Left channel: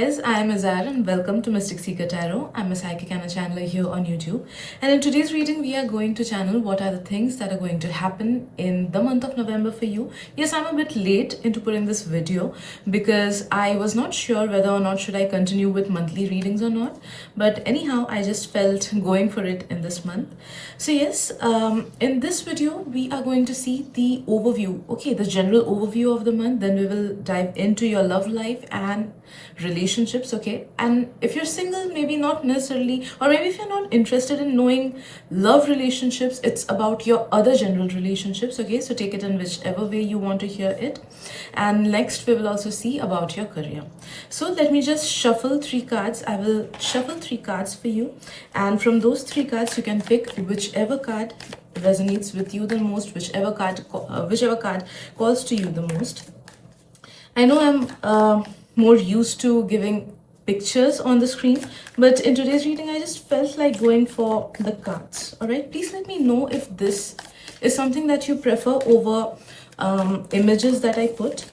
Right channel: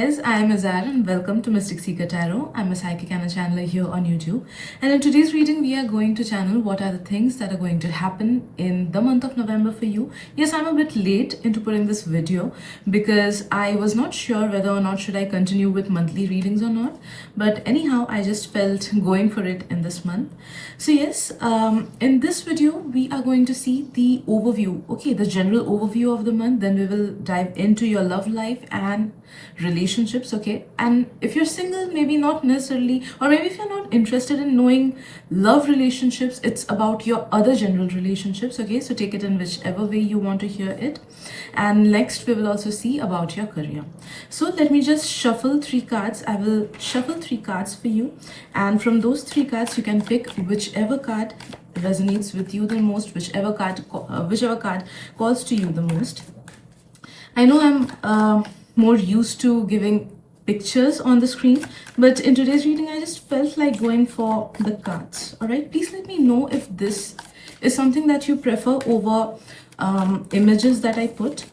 guys, I am Azar and welcome to Mystic Seeker Tarot. I'm a psychic and a channeler here on YouTube. And in today's reading, we are going to channel what are the things that are going to happen in the month of November for you. Yes, I'm a bit late into putting this video because I was not sure whether or not should I continue with monthly readings or not. But anyhow, I just felt going for it in this month. So yes, in this video, we are going to see the overview, okay, the general overview of the month. Then we will dive into your love life and relationships, okay? And if you're single, maybe not necessarily, or maybe if you're not interested in knowing love relationships, it's about your other general relationships, okay? So take it in whichever way you want to hear it. And next we will also see about your career. So let me just shuffle 3 cards. I will shuffle 3 cards for you, and from those 3 cards you can pick whichever card resonates with you the most, whichever card calls to you the most. I know I'm more used to giving pictures on the screen, but in today's reading I just felt like going for the cards. All right, please let me know if this is something that you prefer over images that I put.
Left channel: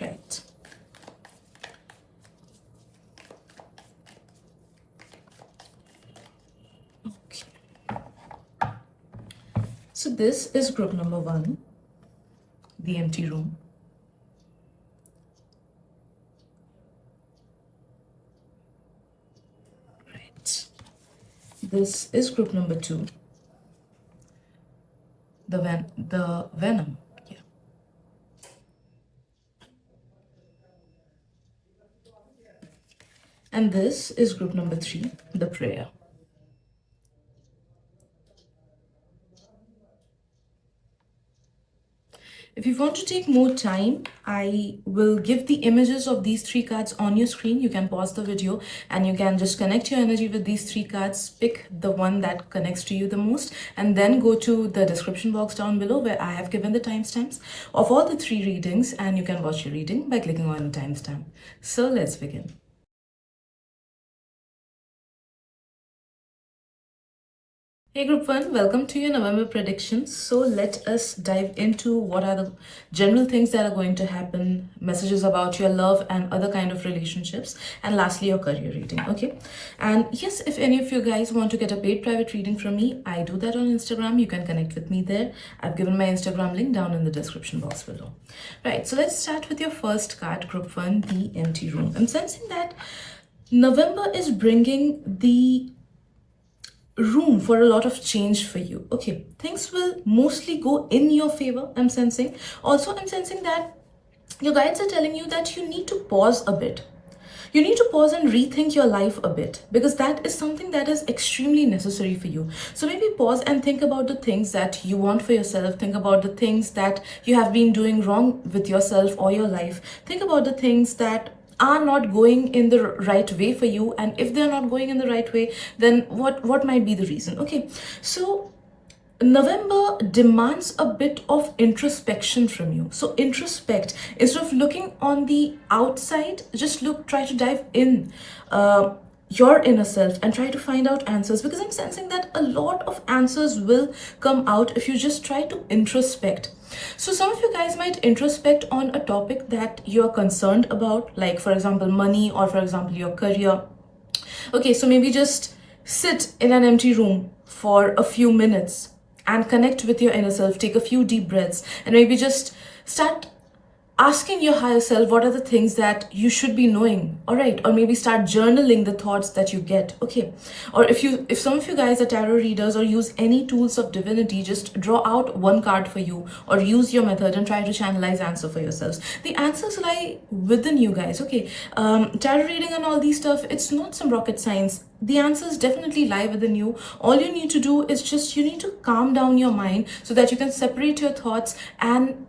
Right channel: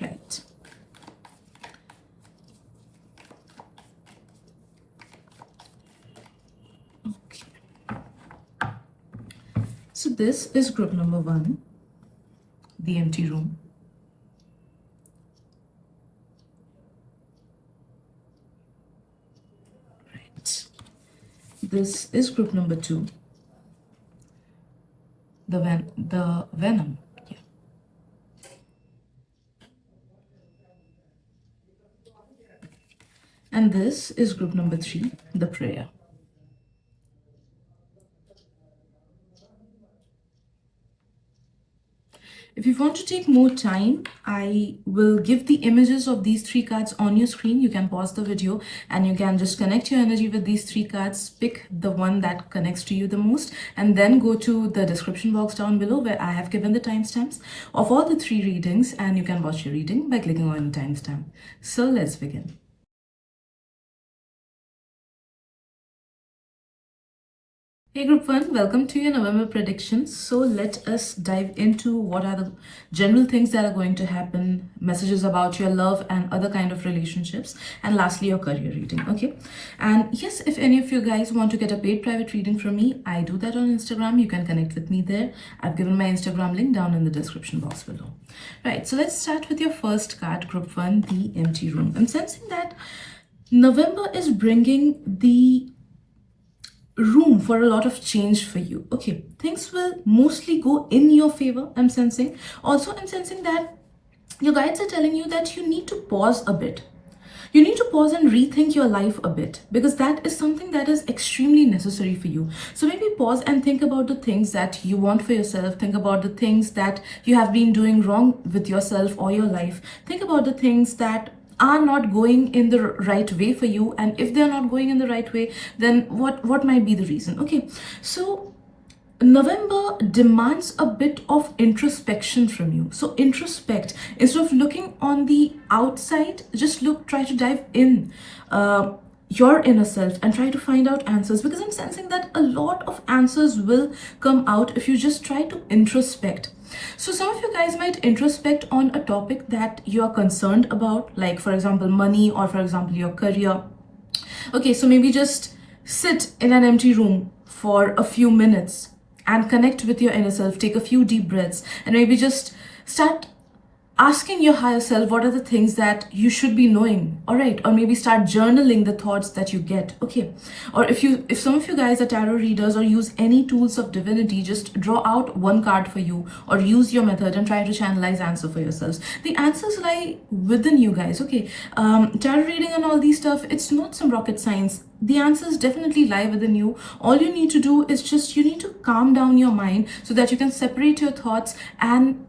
Right. Okay, so this is group number 1, the empty room. This is group number 2, the venom. Yeah. And this is group number 3, the prayer. If you want to take more time, I will give the images of these 3 cards on your screen. You can pause the video and you can just connect your energy with these 3 cards, pick the one that connects to you the most, and then go to the description box down below where I have given the timestamps of all the 3 readings, and you can watch your reading by clicking on the timestamp. So let's begin. Hey group 1, welcome to your November predictions. So let us dive into what are the general things that are going to happen, messages about your love and other kind of relationships, and lastly your career reading, okay? And yes, if any of you guys want to get a paid private reading from me, I do that on Instagram. You can connect with me there. I've given my Instagram link down in the description box below. Right, so let's start with your first card, group 1, the empty room. I'm sensing that November is bringing the room for a lot of change for you. Okay, things will mostly go in your favor, I'm sensing. Also, I'm sensing that your guides are telling you that you need to pause a bit. You need to pause and rethink your life a bit, because that is something that is extremely necessary for you. So maybe pause and think about the things that you want for yourself. Think about the things that you have been doing wrong with yourself or your life. Think about the things that are not going in the right way for you, and if they're not going in the right way, then what might be the reason? Okay, so November demands a bit of introspection from you. So introspect. Instead of looking on the outside, just try to dive in your inner self and try to find out answers, because I'm sensing that a lot of answers will come out if you just try to introspect. So some of you guys might introspect on a topic that you are concerned about, like for example money, or for example your career. Okay, so maybe just sit in an empty room for a few minutes and connect with your inner self. Take a few deep breaths and maybe just start asking your higher self what are the things that you should be knowing. All right, or maybe start journaling the thoughts that you get. Okay, or if some of you guys are tarot readers or use any tools of divinity, just draw out 1 card for you, or use your method and try to channelize answer for yourselves. The answers lie within you guys. Okay, tarot reading and all these stuff, it's not some rocket science. The answers definitely lie within you. All you need to do is just, you need to calm down your mind so that you can separate your thoughts, and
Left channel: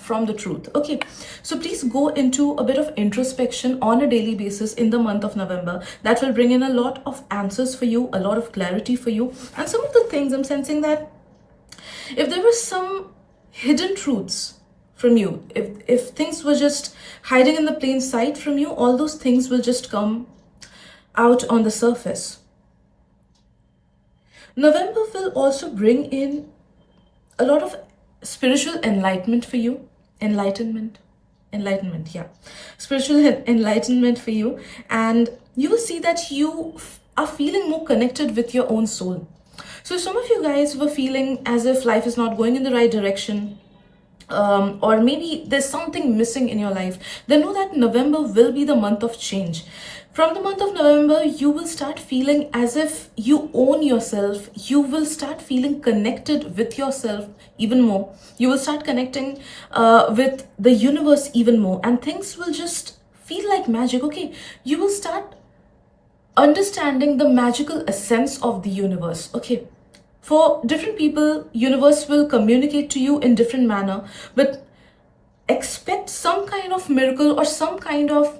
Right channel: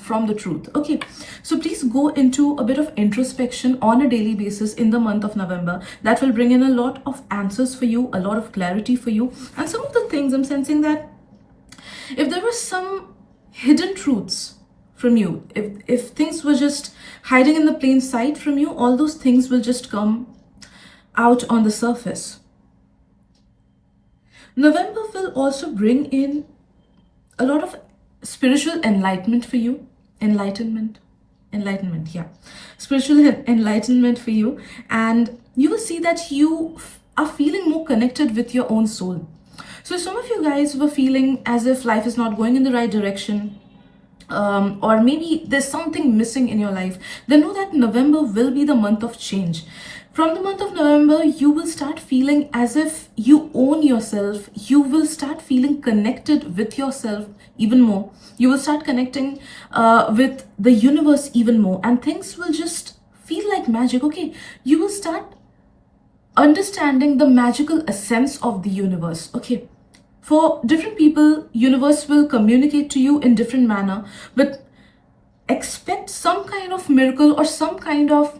from the truth. Okay, so please go into a bit of introspection on a daily basis in the month of November. That will bring in a lot of answers for you, a lot of clarity for you. And some of the things I'm sensing that if there were some hidden truths from you, if things were just hiding in the plain sight from you, all those things will just come out on the surface. November will also bring in a lot of spiritual enlightenment for you. Enlightenment. Enlightenment, yeah. Spiritual enlightenment for you. And you will see that you are feeling more connected with your own soul. So some of you guys were feeling as if life is not going in the right direction, or maybe there's something missing in your life, then know that November will be the month of change. From the month of November, you will start feeling as if you own yourself. You will start feeling connected with yourself even more. You will start connecting with the universe even more, and things will just feel like magic. Okay, you will start understanding the magical essence of the universe. Okay, for different people, universe will communicate to you in different manner, but expect some kind of miracle or some kind of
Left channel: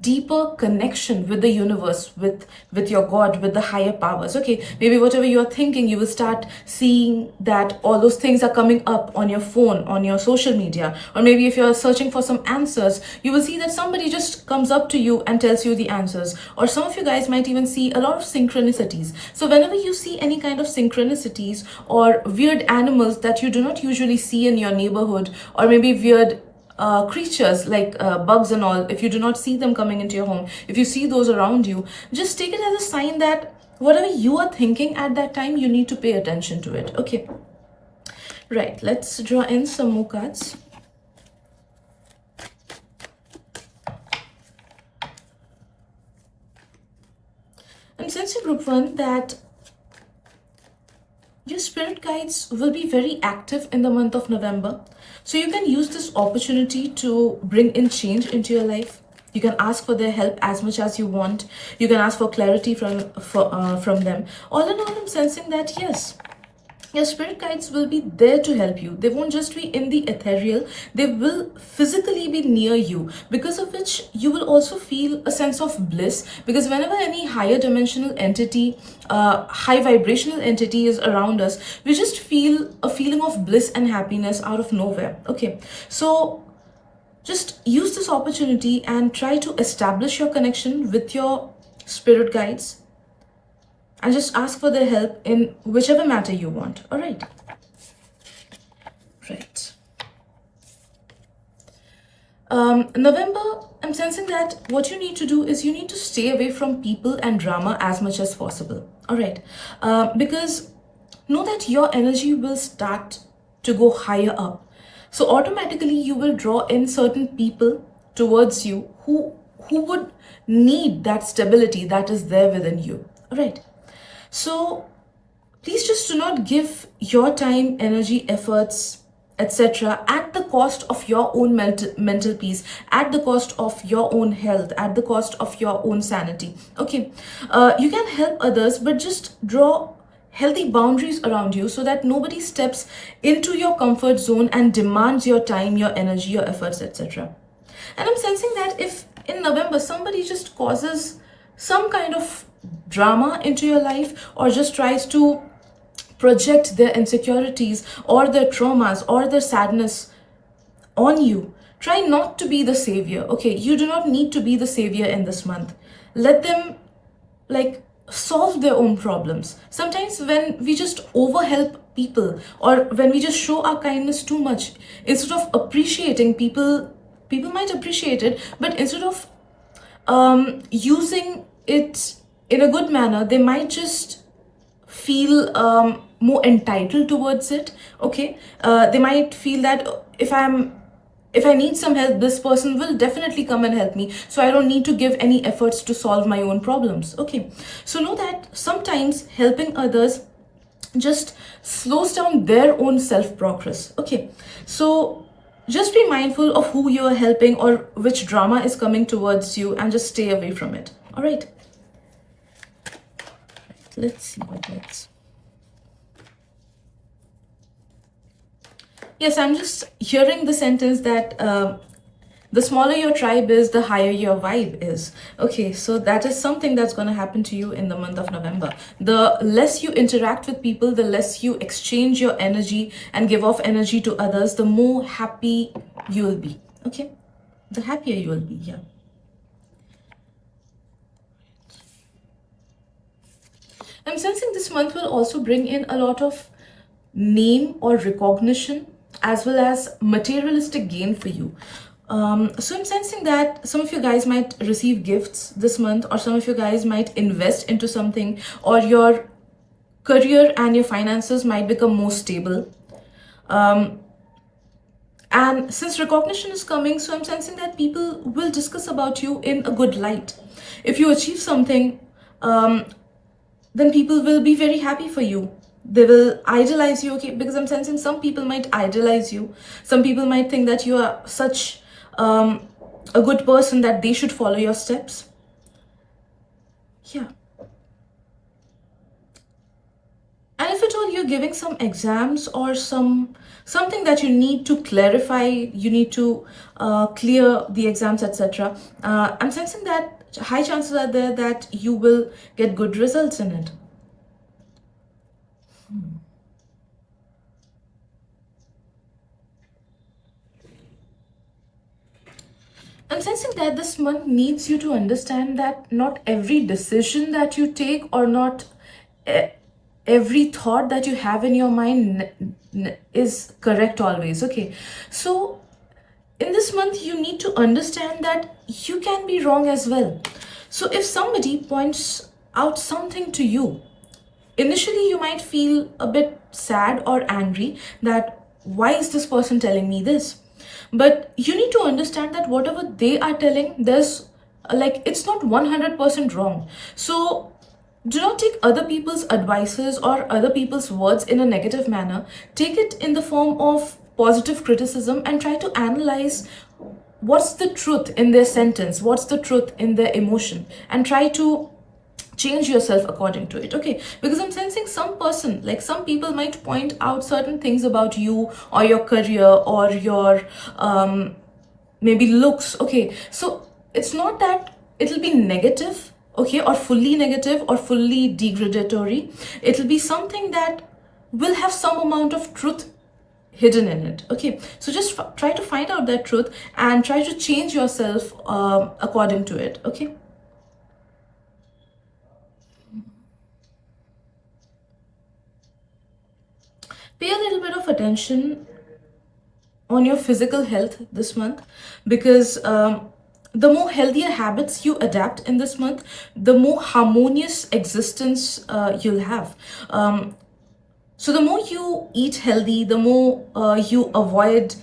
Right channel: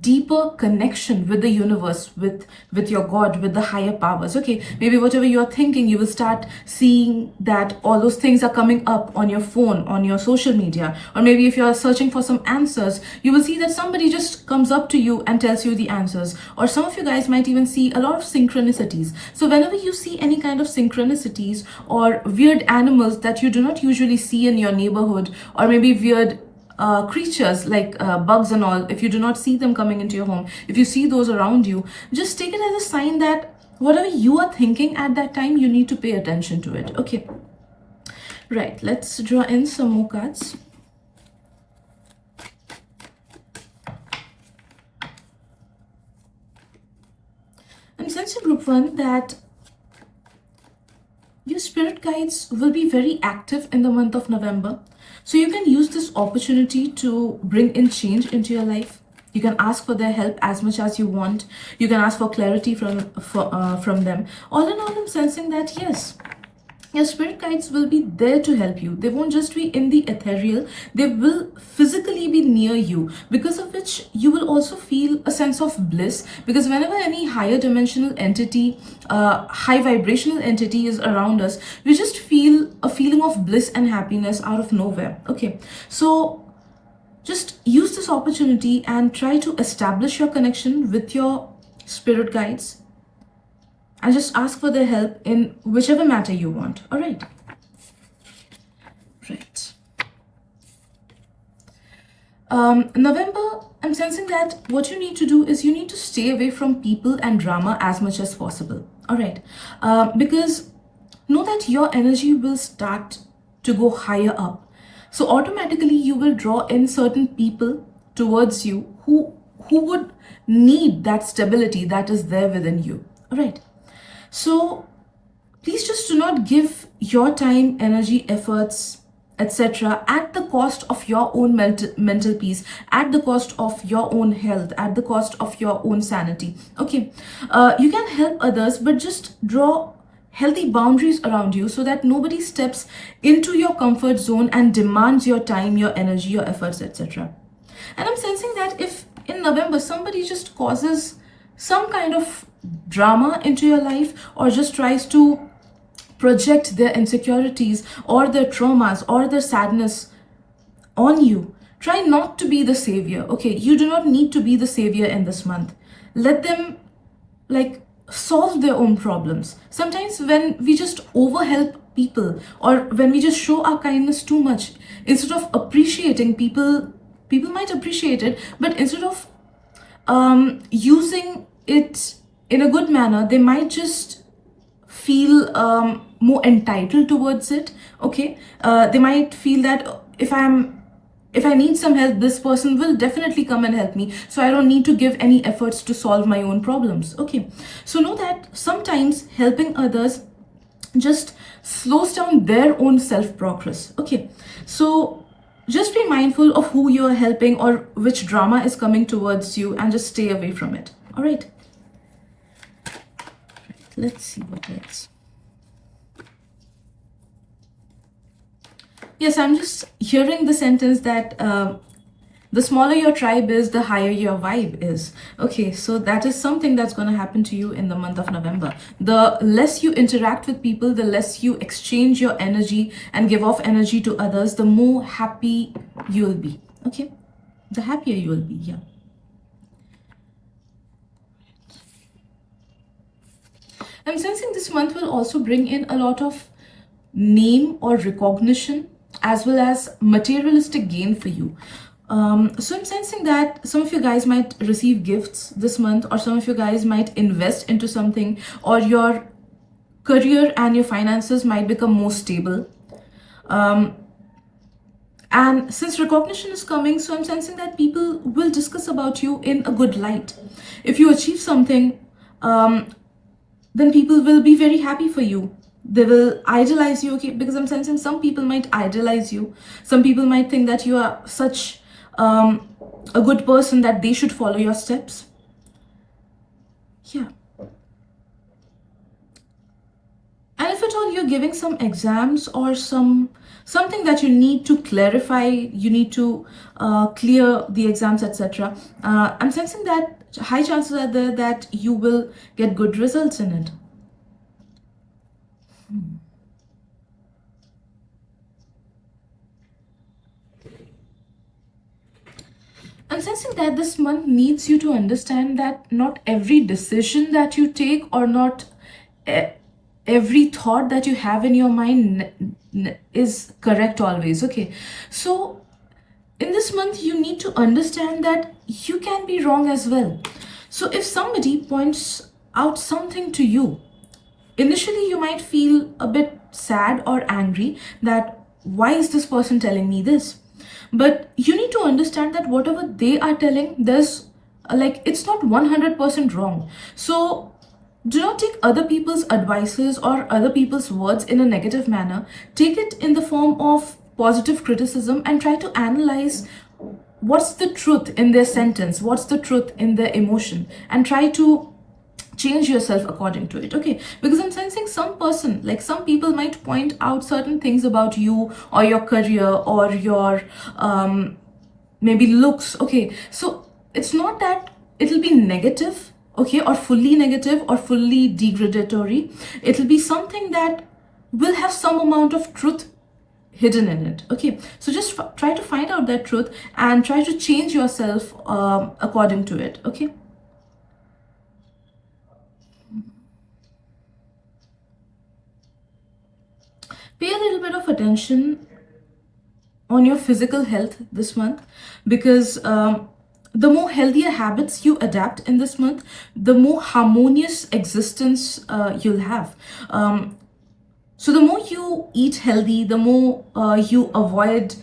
deeper connection with the universe, with your God, with the higher powers. Okay, maybe whatever you're thinking, you will start seeing that all those things are coming up on your phone, on your social media. Or maybe if you're searching for some answers, you will see that somebody just comes up to you and tells you the answers. Or some of you guys might even see a lot of synchronicities. So whenever you see any kind of synchronicities or weird animals that you do not usually see in your neighborhood, or maybe weird creatures like bugs and all, if you do not see them coming into your home, if you see those around you, just take it as a sign that whatever you are thinking at that time, you need to pay attention to it. Okay, right, let's draw in some more cards. I'm sensing, group 1, that your spirit guides will be very active in the month of November. So you can use this opportunity to bring in change into your life. You can ask for their help as much as you want. You can ask for clarity from them. All in all, I'm sensing that yes, your spirit guides will be there to help you. They won't just be in the ethereal, they will physically be near you, because of which you will also feel a sense of bliss. Because whenever any higher dimensional entity, high vibrational entity is around us, we just feel a feeling of bliss and happiness out of nowhere. Okay, so just use this opportunity and try to establish your connection with your spirit guides, and just ask for their help in whichever matter you want. All right. Right. November, I'm sensing that what you need to do is you need to stay away from people and drama as much as possible. All right. Because know that your energy will start to go higher up. So automatically you will draw in certain people towards you who would need that stability that is there within you. All right. So please just do not give your time, energy, efforts, etc. at the cost of your own mental peace, at the cost of your own health, at the cost of your own sanity. Okay, you can help others, but just draw healthy boundaries around you so that nobody steps into your comfort zone and demands your time, your energy, your efforts, etc. And I'm sensing that if in November somebody just causes some kind of drama into your life, or just tries to project their insecurities or their traumas or their sadness on you, try not to be the savior. Okay, you do not need to be the savior in this month. Let them solve their own problems. Sometimes when we just overhelp people, or when we just show our kindness too much, instead of appreciating people might appreciate it, but instead of using it in a good manner, they might just feel more entitled towards it. Okay, they might feel that if I need some help, this person will definitely come and help me, so I don't need to give any efforts to solve my own problems. Okay, so know that sometimes helping others just slows down their own self progress. Okay, so just be mindful of who you are helping or which drama is coming towards you, and just stay away from it. All right. Let's see what else. Yes, I'm just hearing the sentence that the smaller your tribe is, the higher your vibe is. Okay, so that is something that's going to happen to you in the month of November. The less you interact with people, the less you exchange your energy and give off energy to others, the more happy you will be. Okay, the happier you will be. Yeah. I'm sensing this month will also bring in a lot of name or recognition as well as materialistic gain for you. So I'm sensing that some of you guys might receive gifts this month, or some of you guys might invest into something, or your career and your finances might become more stable. And since recognition is coming, so I'm sensing that people will discuss about you in a good light. If you achieve something, then people will be very happy for you. They will idolize you, okay? Because I'm sensing some people might idolize you. Some people might think that you are such a good person that they should follow your steps. Yeah. And if at all you're giving some exams or something that you need to clarify, you need to clear the exams, etc. I'm sensing that high chances are there that you will get good results in it. I'm sensing that this month needs you to understand that not every decision that you take, or not every thought that you have in your mind is correct always, okay? So in this month, you need to understand that you can be wrong as well. So if somebody points out something to you, initially you might feel a bit sad or angry that why is this person telling me this? But you need to understand that whatever they are telling, there's it's not 100% wrong. So do not take other people's advices or other people's words in a negative manner. Take it in the form of positive criticism and try to analyze what's the truth in their sentence, what's the truth in their emotion, and try to change yourself according to it, okay? Because I'm sensing some people might point out certain things about you or your career or your maybe looks, okay? So it's not that it'll be negative, okay, or fully negative or fully degradatory. It'll be something that will have some amount of truth hidden in it, okay? So just try to find out that truth and try to change yourself according to it, okay? Pay a little bit of attention on your physical health this month, because the more healthier habits you adapt in this month, the more harmonious existence you'll have. So the more you eat healthy, the more you avoid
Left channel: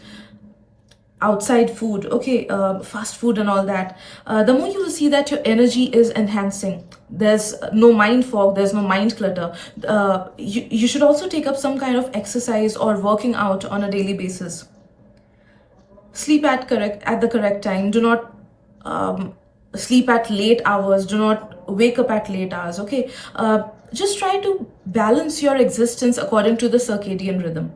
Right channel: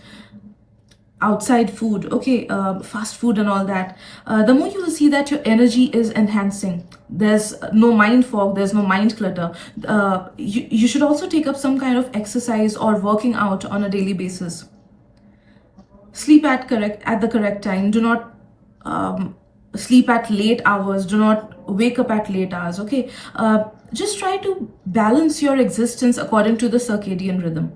outside food, okay, fast food and all that, the more you will see that your energy is enhancing. There's no mind fog, there's no mind clutter. You should also take up some kind of exercise or working out on a daily basis. Sleep at the correct time. Do not sleep at late hours. Do not wake up at late hours, okay? Just try to balance your existence according to the circadian rhythm.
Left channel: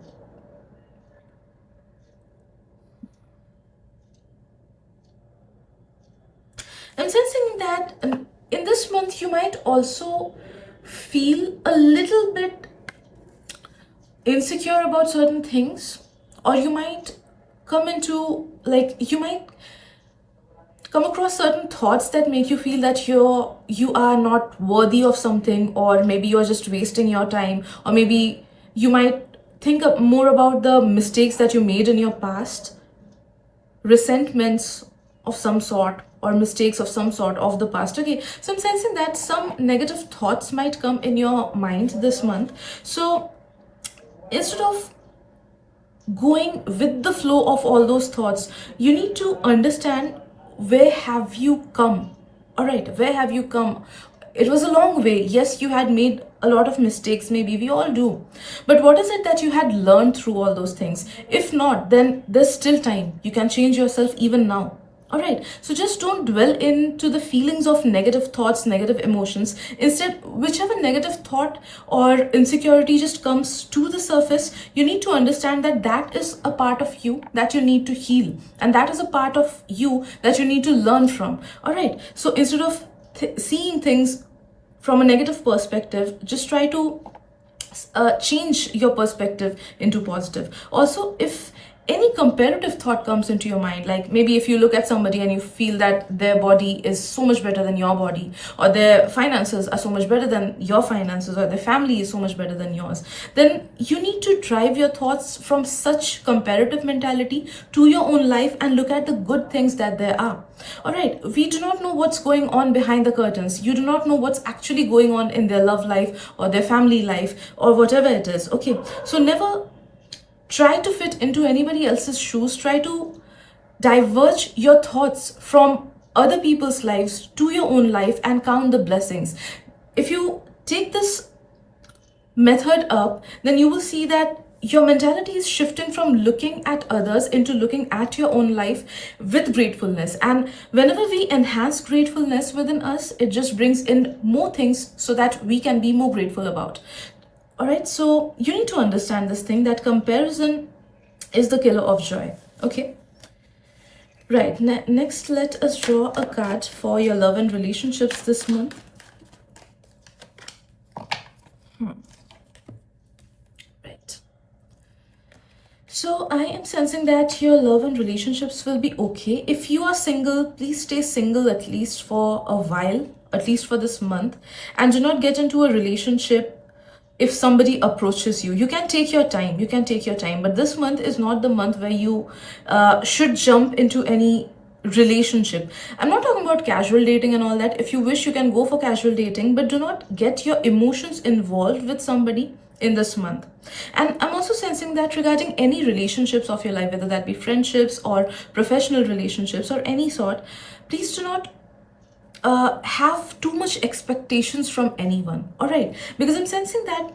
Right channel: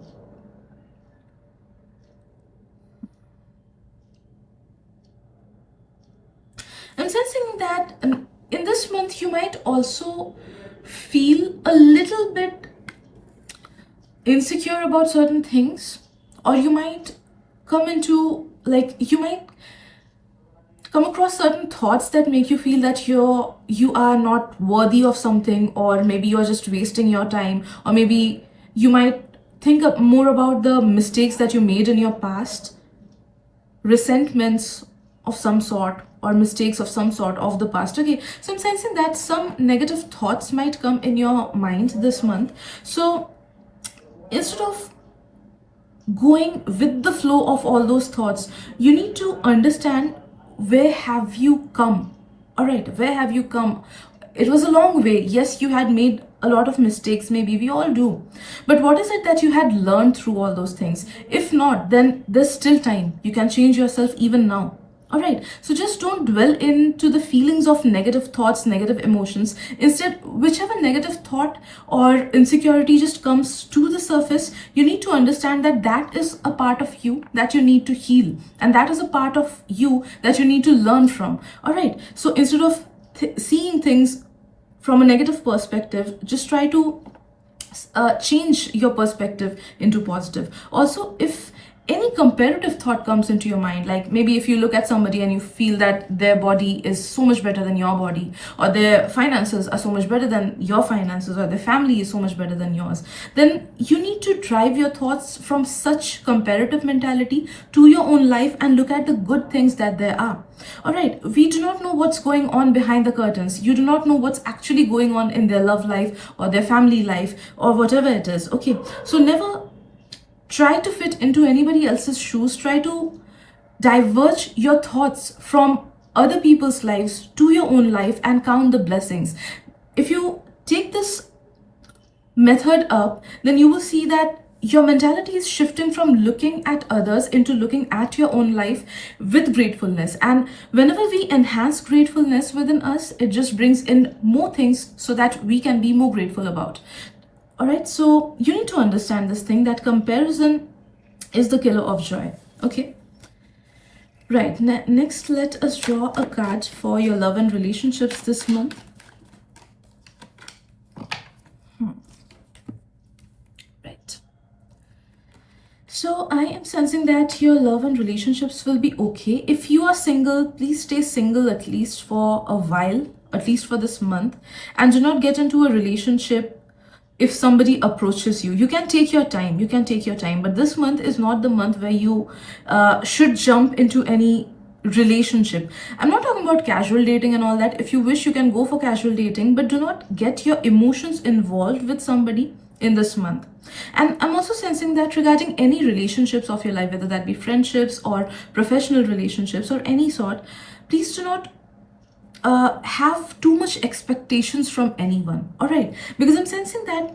I'm sensing that in this month you might also feel a little bit insecure about certain things, or you might you might come across certain thoughts that make you feel that you are not worthy of something, or maybe you're just wasting your time, or maybe you might think more about the mistakes that you made in your past, resentments of some sort or mistakes of some sort of the past, okay? So I'm sensing that some negative thoughts might come in your mind this month. So instead of going with the flow of all those thoughts, you need to understand where have you come. All right, where have you come? It was a long way. Yes, you had made a lot of mistakes, maybe we all do, but what is it that you had learned through all those things? If not, then there's still time. You can change yourself even now. All right, so just don't dwell into the feelings of negative thoughts, negative emotions. Instead, whichever negative thought or insecurity just comes to the surface, you need to understand that that is a part of you that you need to heal, and that is a part of you that you need to learn from. All right, so instead of seeing things from a negative perspective, just try to change your perspective into positive. Also, if any comparative thought comes into your mind, like maybe if you look at somebody and you feel that their body is so much better than your body, or their finances are so much better than your finances, or their family is so much better than yours, then you need to drive your thoughts from such comparative mentality to your own life and look at the good things that there are. All right, we do not know what's going on behind the curtains. You do not know what's actually going on in their love life or their family life or whatever it is. Okay, so never try to fit into anybody else's shoes. Try to diverge your thoughts from other people's lives to your own life and count the blessings. If you take this method up, then you will see that your mentality is shifting from looking at others into looking at your own life with gratefulness. And whenever we enhance gratefulness within us, it just brings in more things so that we can be more grateful about. All right, so you need to understand this thing, that comparison is the killer of joy. Okay, right. Next, let us draw a card for your love and relationships this month. Right. So I am sensing that your love and relationships will be okay. If you are single, please stay single at least for a while, at least for this month, and do not get into a relationship. If somebody approaches you, you can take your time, but this month is not the month where you should jump into any relationship. I'm not talking about casual dating and all that. If you wish, you can go for casual dating, but do not get your emotions involved with somebody in this month. And I'm also sensing that regarding any relationships of your life, whether that be friendships or professional relationships or any sort, please do not have too much expectations from anyone. All right, because I'm sensing that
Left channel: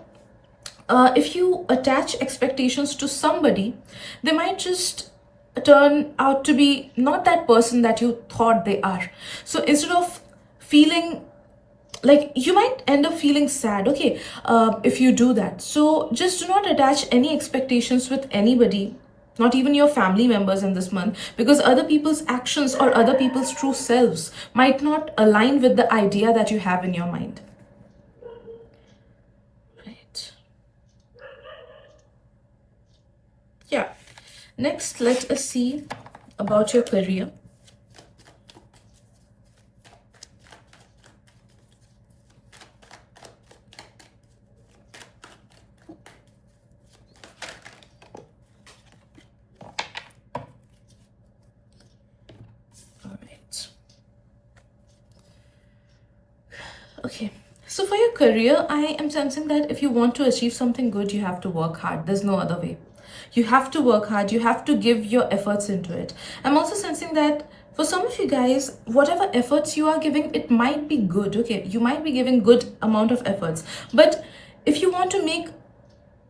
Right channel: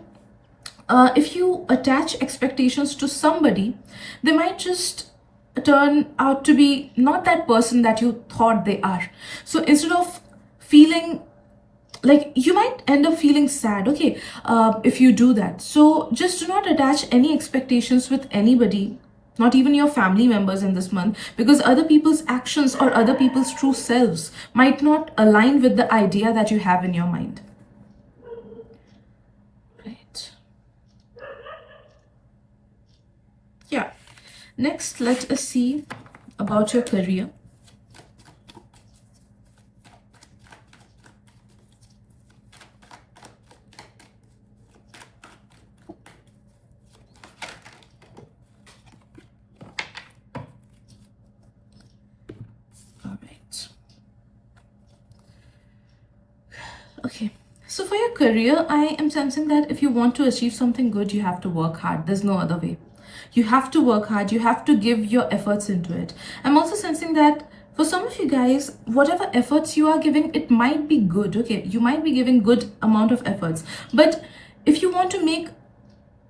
if you attach expectations to somebody, they might just turn out to be not that person that you thought they are. So instead of feeling like, you might end up feeling sad, okay, if you do that. So just do not attach any expectations with anybody, not even your family members in this month, because other people's actions or other people's true selves might not align with the idea that you have in your mind. Right. Yeah. Next, let us see about your career. Okay, so for your career, I am sensing that if you want to achieve something good, you have to work hard. There's no other way. You have to work hard. You have to give your efforts into it. I'm also sensing that for some of you guys, whatever efforts you are giving, it might be good. Okay, you might be giving good amount of efforts. But if you want to make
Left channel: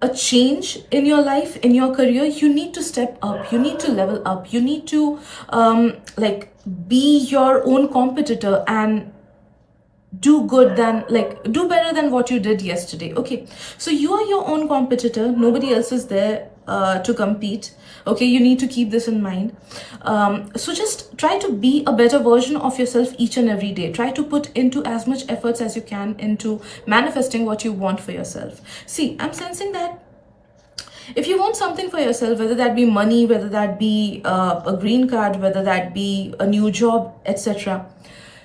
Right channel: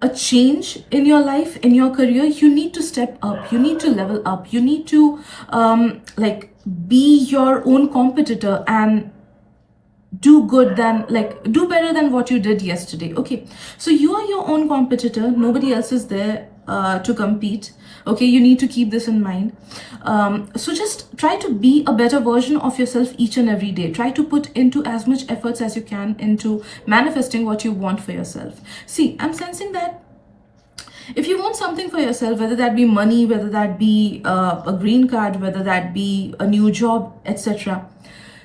a change in your life, in your career, you need to step up. You need to level up. You need to be your own competitor and do better than what you did yesterday. Okay, so you are your own competitor. Nobody else is there to compete. Okay, you need to keep this in mind. So just try to be a better version of yourself each and every day. Try to put into as much efforts as you can into manifesting what you want for yourself. See, I'm sensing that if you want something for yourself, whether that be money, whether that be a green card, whether that be a new job, etc.,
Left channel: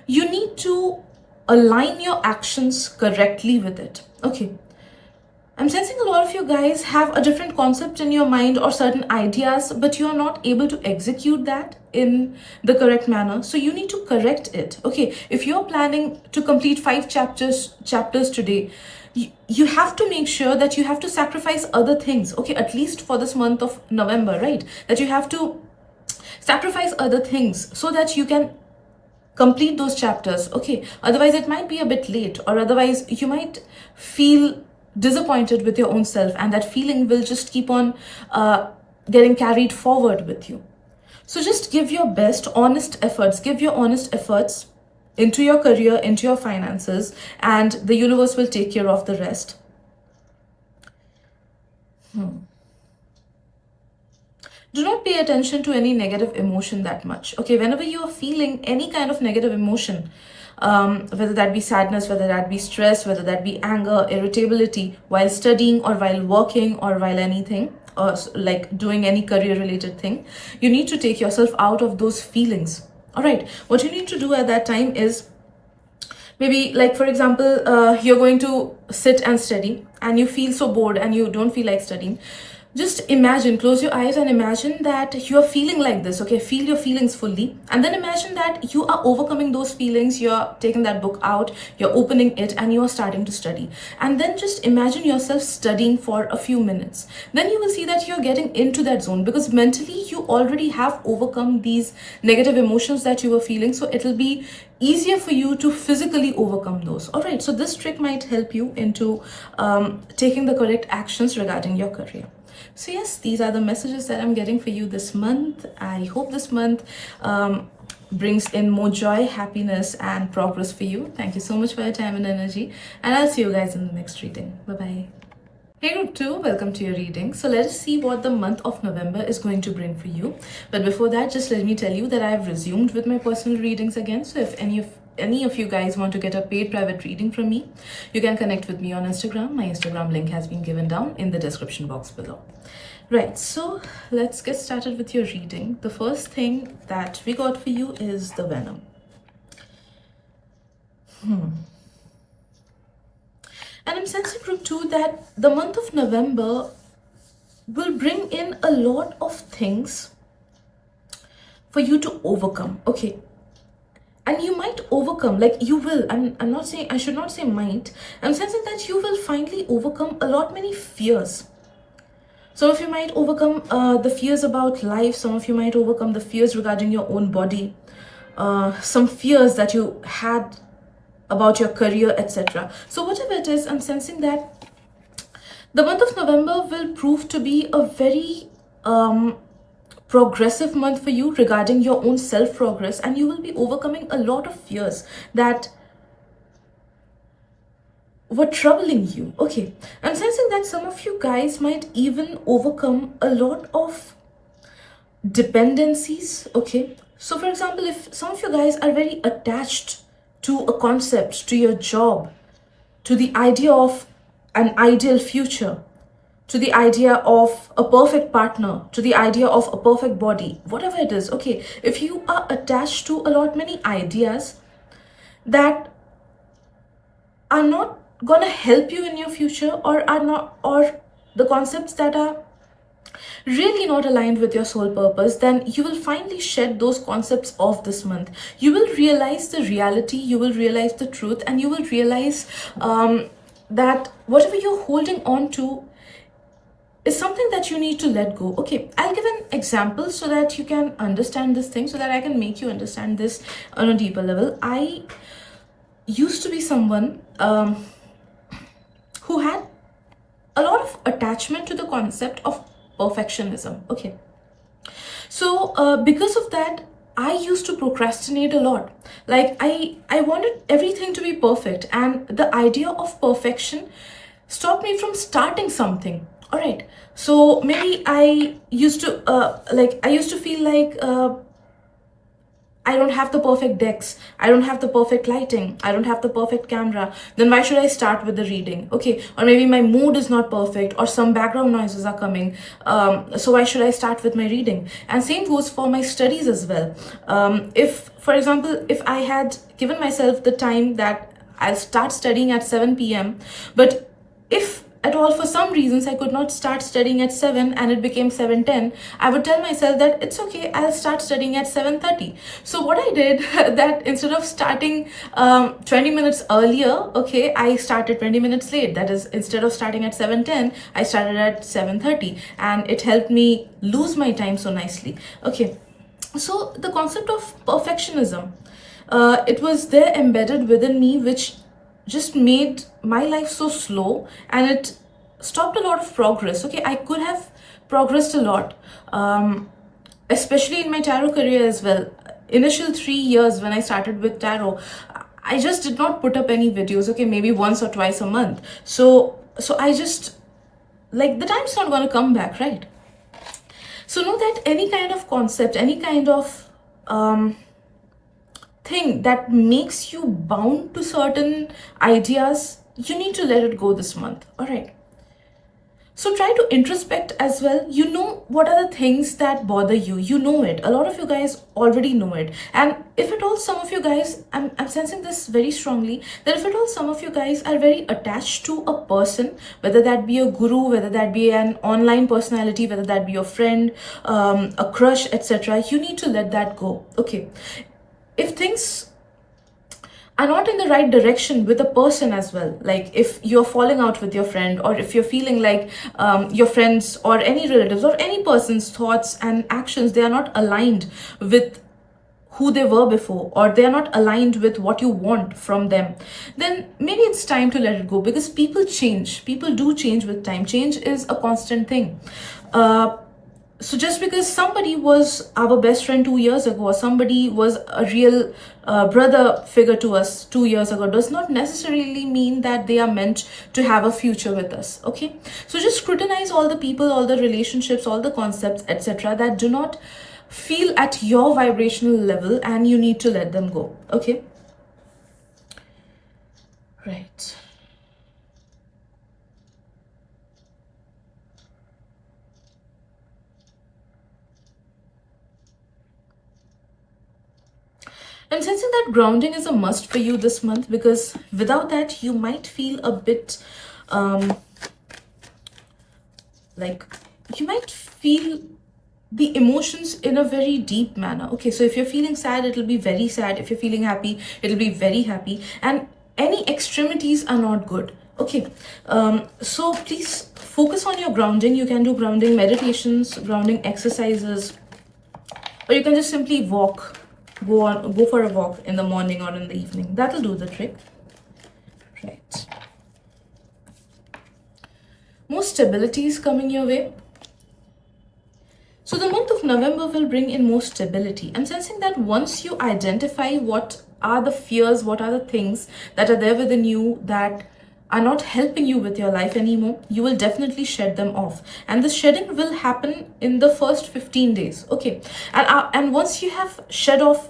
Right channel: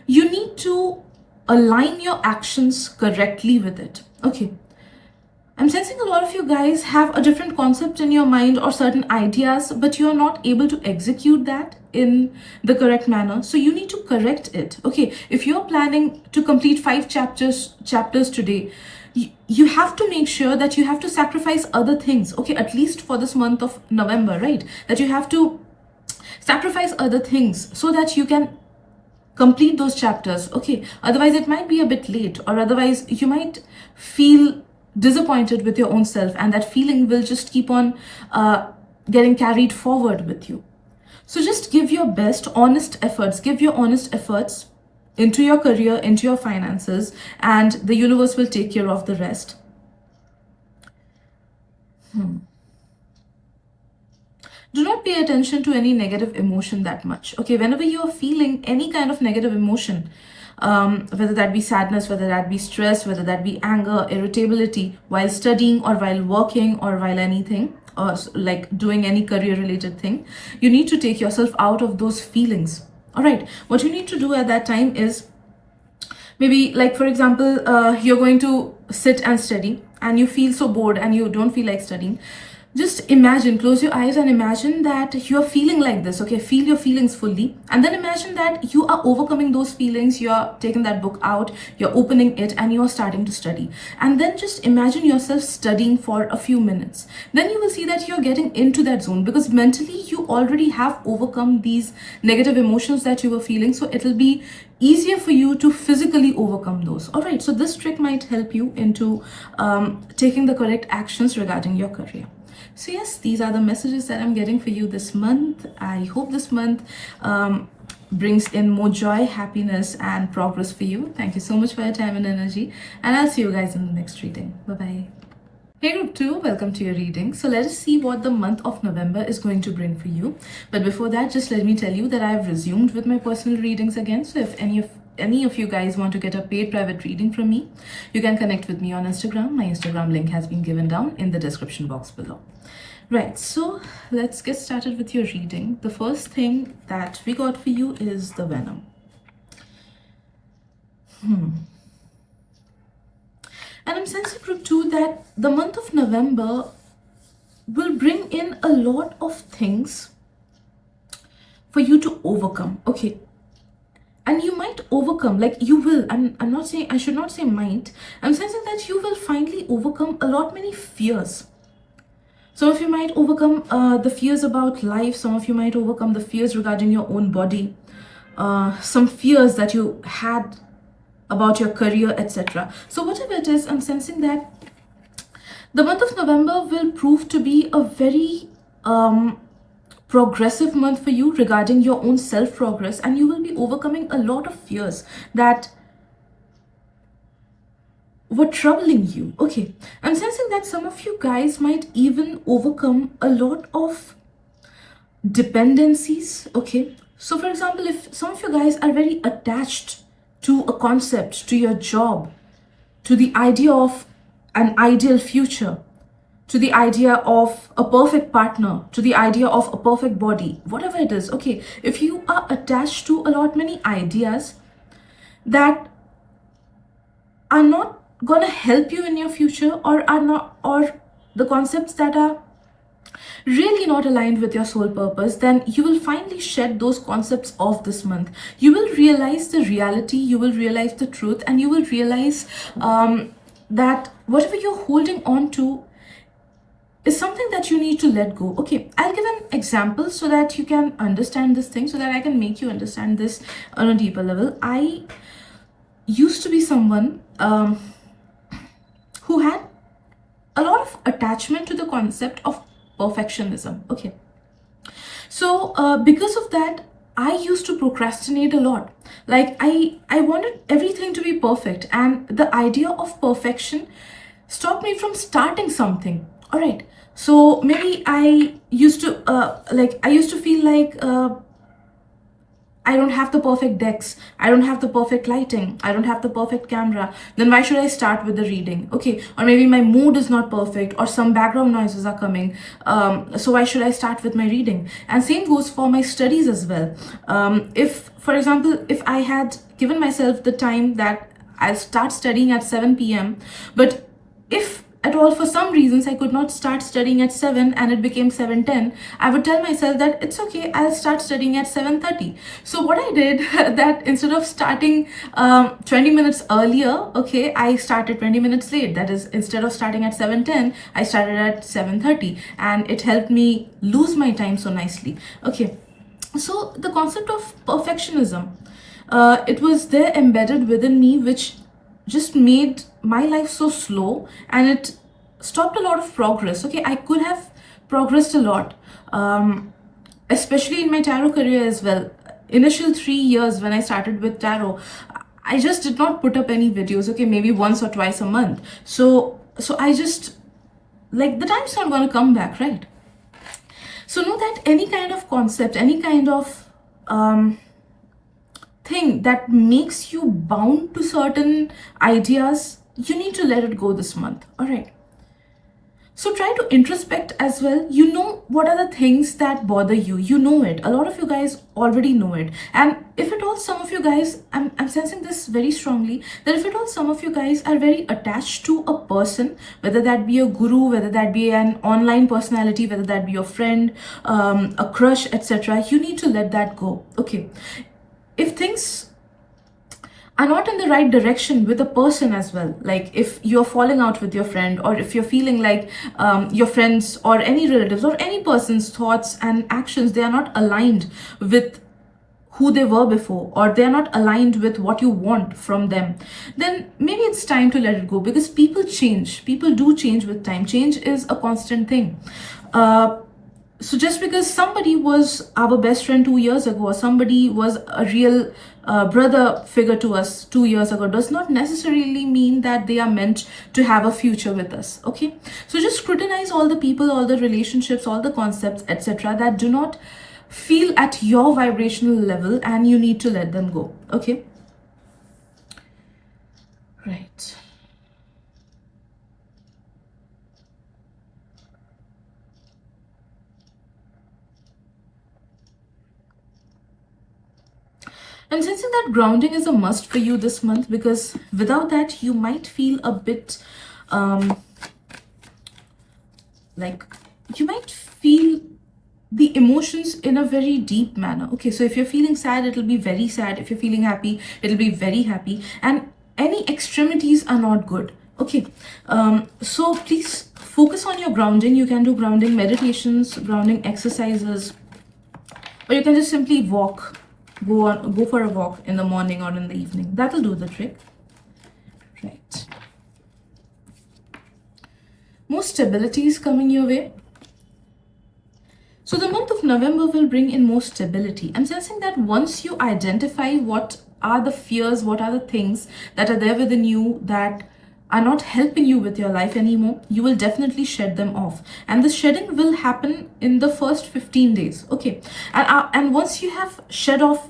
you need to align your actions correctly with it. Okay, I'm sensing a lot of you guys have a different concept in your mind or certain ideas, but you're not able to execute that in the correct manner. So you need to correct it. Okay, if you're planning to complete 5 chapters today, you have to make sure that you have to sacrifice other things. Okay, at least for this month of November, right? That you have to sacrifice other things so that you can complete those chapters. Okay, otherwise it might be a bit late, or otherwise you might feel disappointed with your own self, and that feeling will just keep on getting carried forward with you. So just give your best, honest efforts. Give your honest efforts into your career, into your finances, and the universe will take care of the rest. Do not pay attention to any negative emotion that much. Okay, whenever you are feeling any kind of negative emotion, whether that be sadness, whether that be stress, whether that be anger, irritability while studying or while working or while anything, or like doing any career related thing. You need to take yourself out of those feelings. All right, what you need to do at that time is, maybe like for example, you're going to sit and study and you feel so bored and you don't feel like studying. Just imagine, close your eyes and imagine that you're feeling like this. Okay, feel your feelings fully, and then imagine that you are overcoming those feelings. You're taking that book out, you're opening it, and you're starting to study. And then just imagine yourself studying for a few minutes. Then you will see that you're getting into that zone, because mentally you already have overcome these negative emotions that you were feeling. So it'll be easier for you to physically overcome those. All right, so this trick might help you into taking the correct actions regarding your career. So yes, these are the messages that I'm getting for you this month. I hope this month brings in more joy, happiness, and progress for you. Thank you so much for your time and energy, and I'll see you guys in the next reading. Bye-bye. Hey group 2, welcome to your reading. So let us see what the month of November is going to bring for you. But before that, just let me tell you that I have resumed with my personal readings again. So if any of you guys want to get a paid private reading from me, you can connect with me on Instagram. My Instagram link has been given down in the description box below. Right, so let's get started with your reading. The first thing that we got for you is the Venom. And I'm sensing group 2 that the month of November will bring in a lot of things for you to overcome. Okay, and you might overcome, like you will, I'm not saying, I should not say might, I'm sensing that you will finally overcome a lot many fears. Some of you might overcome the fears about life. Some of you might overcome the fears regarding your own body, some fears that you had about your career, etc. So whatever it is, I'm sensing that the month of November will prove to be a very progressive month for you regarding your own self-progress, and you will be overcoming a lot of fears that were troubling you. Okay, I'm sensing that some of you guys might even overcome a lot of dependencies. Okay, so for example, if some of you guys are very attached to a concept, to your job, to the idea of an ideal future, to the idea of a perfect partner, to the idea of a perfect body, whatever it is. Okay, if you are attached to a lot many ideas that are not gonna help you in your future, or are not, or the concepts that are really not aligned with your soul purpose, then you will finally shed those concepts off this month. You will realize the reality, you will realize the truth, and you will realize that whatever you're holding on to is something that you need to let go. Okay, I'll give an example so that you can understand this thing, so that I can make you understand this on a deeper level. I used to be someone who had a lot of attachment to the concept of perfectionism. Okay, so because of that, I used to procrastinate a lot. Like I wanted everything to be perfect, and the idea of perfection stopped me from starting something. All right, so maybe I used to feel like I don't have the perfect decks, I don't have the perfect lighting, I don't have the perfect camera, then why should I start with the reading? Okay, or maybe my mood is not perfect, or some background noises are coming, so why should I start with my reading? And same goes for my studies as well. If, for example, if I had given myself the time that I'll start studying at 7 p.m., but if at all for some reasons I could not start studying at 7 and it became 7:10, I would tell myself that it's okay, I'll start studying at 7:30. So what I did, that instead of starting 20 minutes earlier, okay, I started 20 minutes late. That is, instead of starting at 7:10, I started at 7:30, and it helped me lose my time so nicely. Okay, so the concept of perfectionism, it was there embedded within me, which just made my life so slow, and it stopped a lot of progress. Okay, I could have progressed a lot, especially in my tarot career as well. Initial 3 years when I started with tarot, I just did not put up any videos. Okay, maybe once or twice a month. So I just, like, the time's not gonna come back, right? So know that any kind of concept, any kind of thing that makes you bound to certain ideas, you need to let it go this month. All right. So try to introspect as well. You know what are the things that bother you. You know it. A lot of you guys already know it. And if at all some of you guys, I'm sensing this very strongly, that if at all some of you guys are very attached to a person, whether that be a guru, whether that be an online personality, whether that be your friend, a crush, etc., you need to let that go. Okay. If things are not in the right direction with a person as well, like if you're falling out with your friend, or if you're feeling like your friends or any relatives or any person's thoughts and actions, they are not aligned with who they were before, or they're not aligned with what you want from them, then maybe it's time to let it go, because people change. People do change with time. Change is a constant thing. So just because somebody was our best friend 2 years ago, or somebody was a real brother figure to us 2 years ago, does not necessarily mean that they are meant to have a future with us. Okay, so just scrutinize all the people, all the relationships, all the concepts, etc., that do not feel at your vibrational level, and you need to let them go. Okay, right. I'm sensing that grounding is a must for you this month, because without that, you might feel a bit like you might feel the emotions in a very deep manner. Okay, so if you're feeling sad, it'll be very sad. If you're feeling happy, it'll be very happy. And any extremities are not good. Okay, so please focus on your grounding. You can do grounding meditations, grounding exercises, or you can just simply walk. Go for a walk in the morning or in the evening. That'll do the trick. Right. More stability is coming your way. So the month of November will bring in more stability. I'm sensing that once you identify what are the fears, what are the things that are there within you that are not helping you with your life anymore, you will definitely shed them off. And the shedding will happen in the first 15 days. Okay. And once you have shed off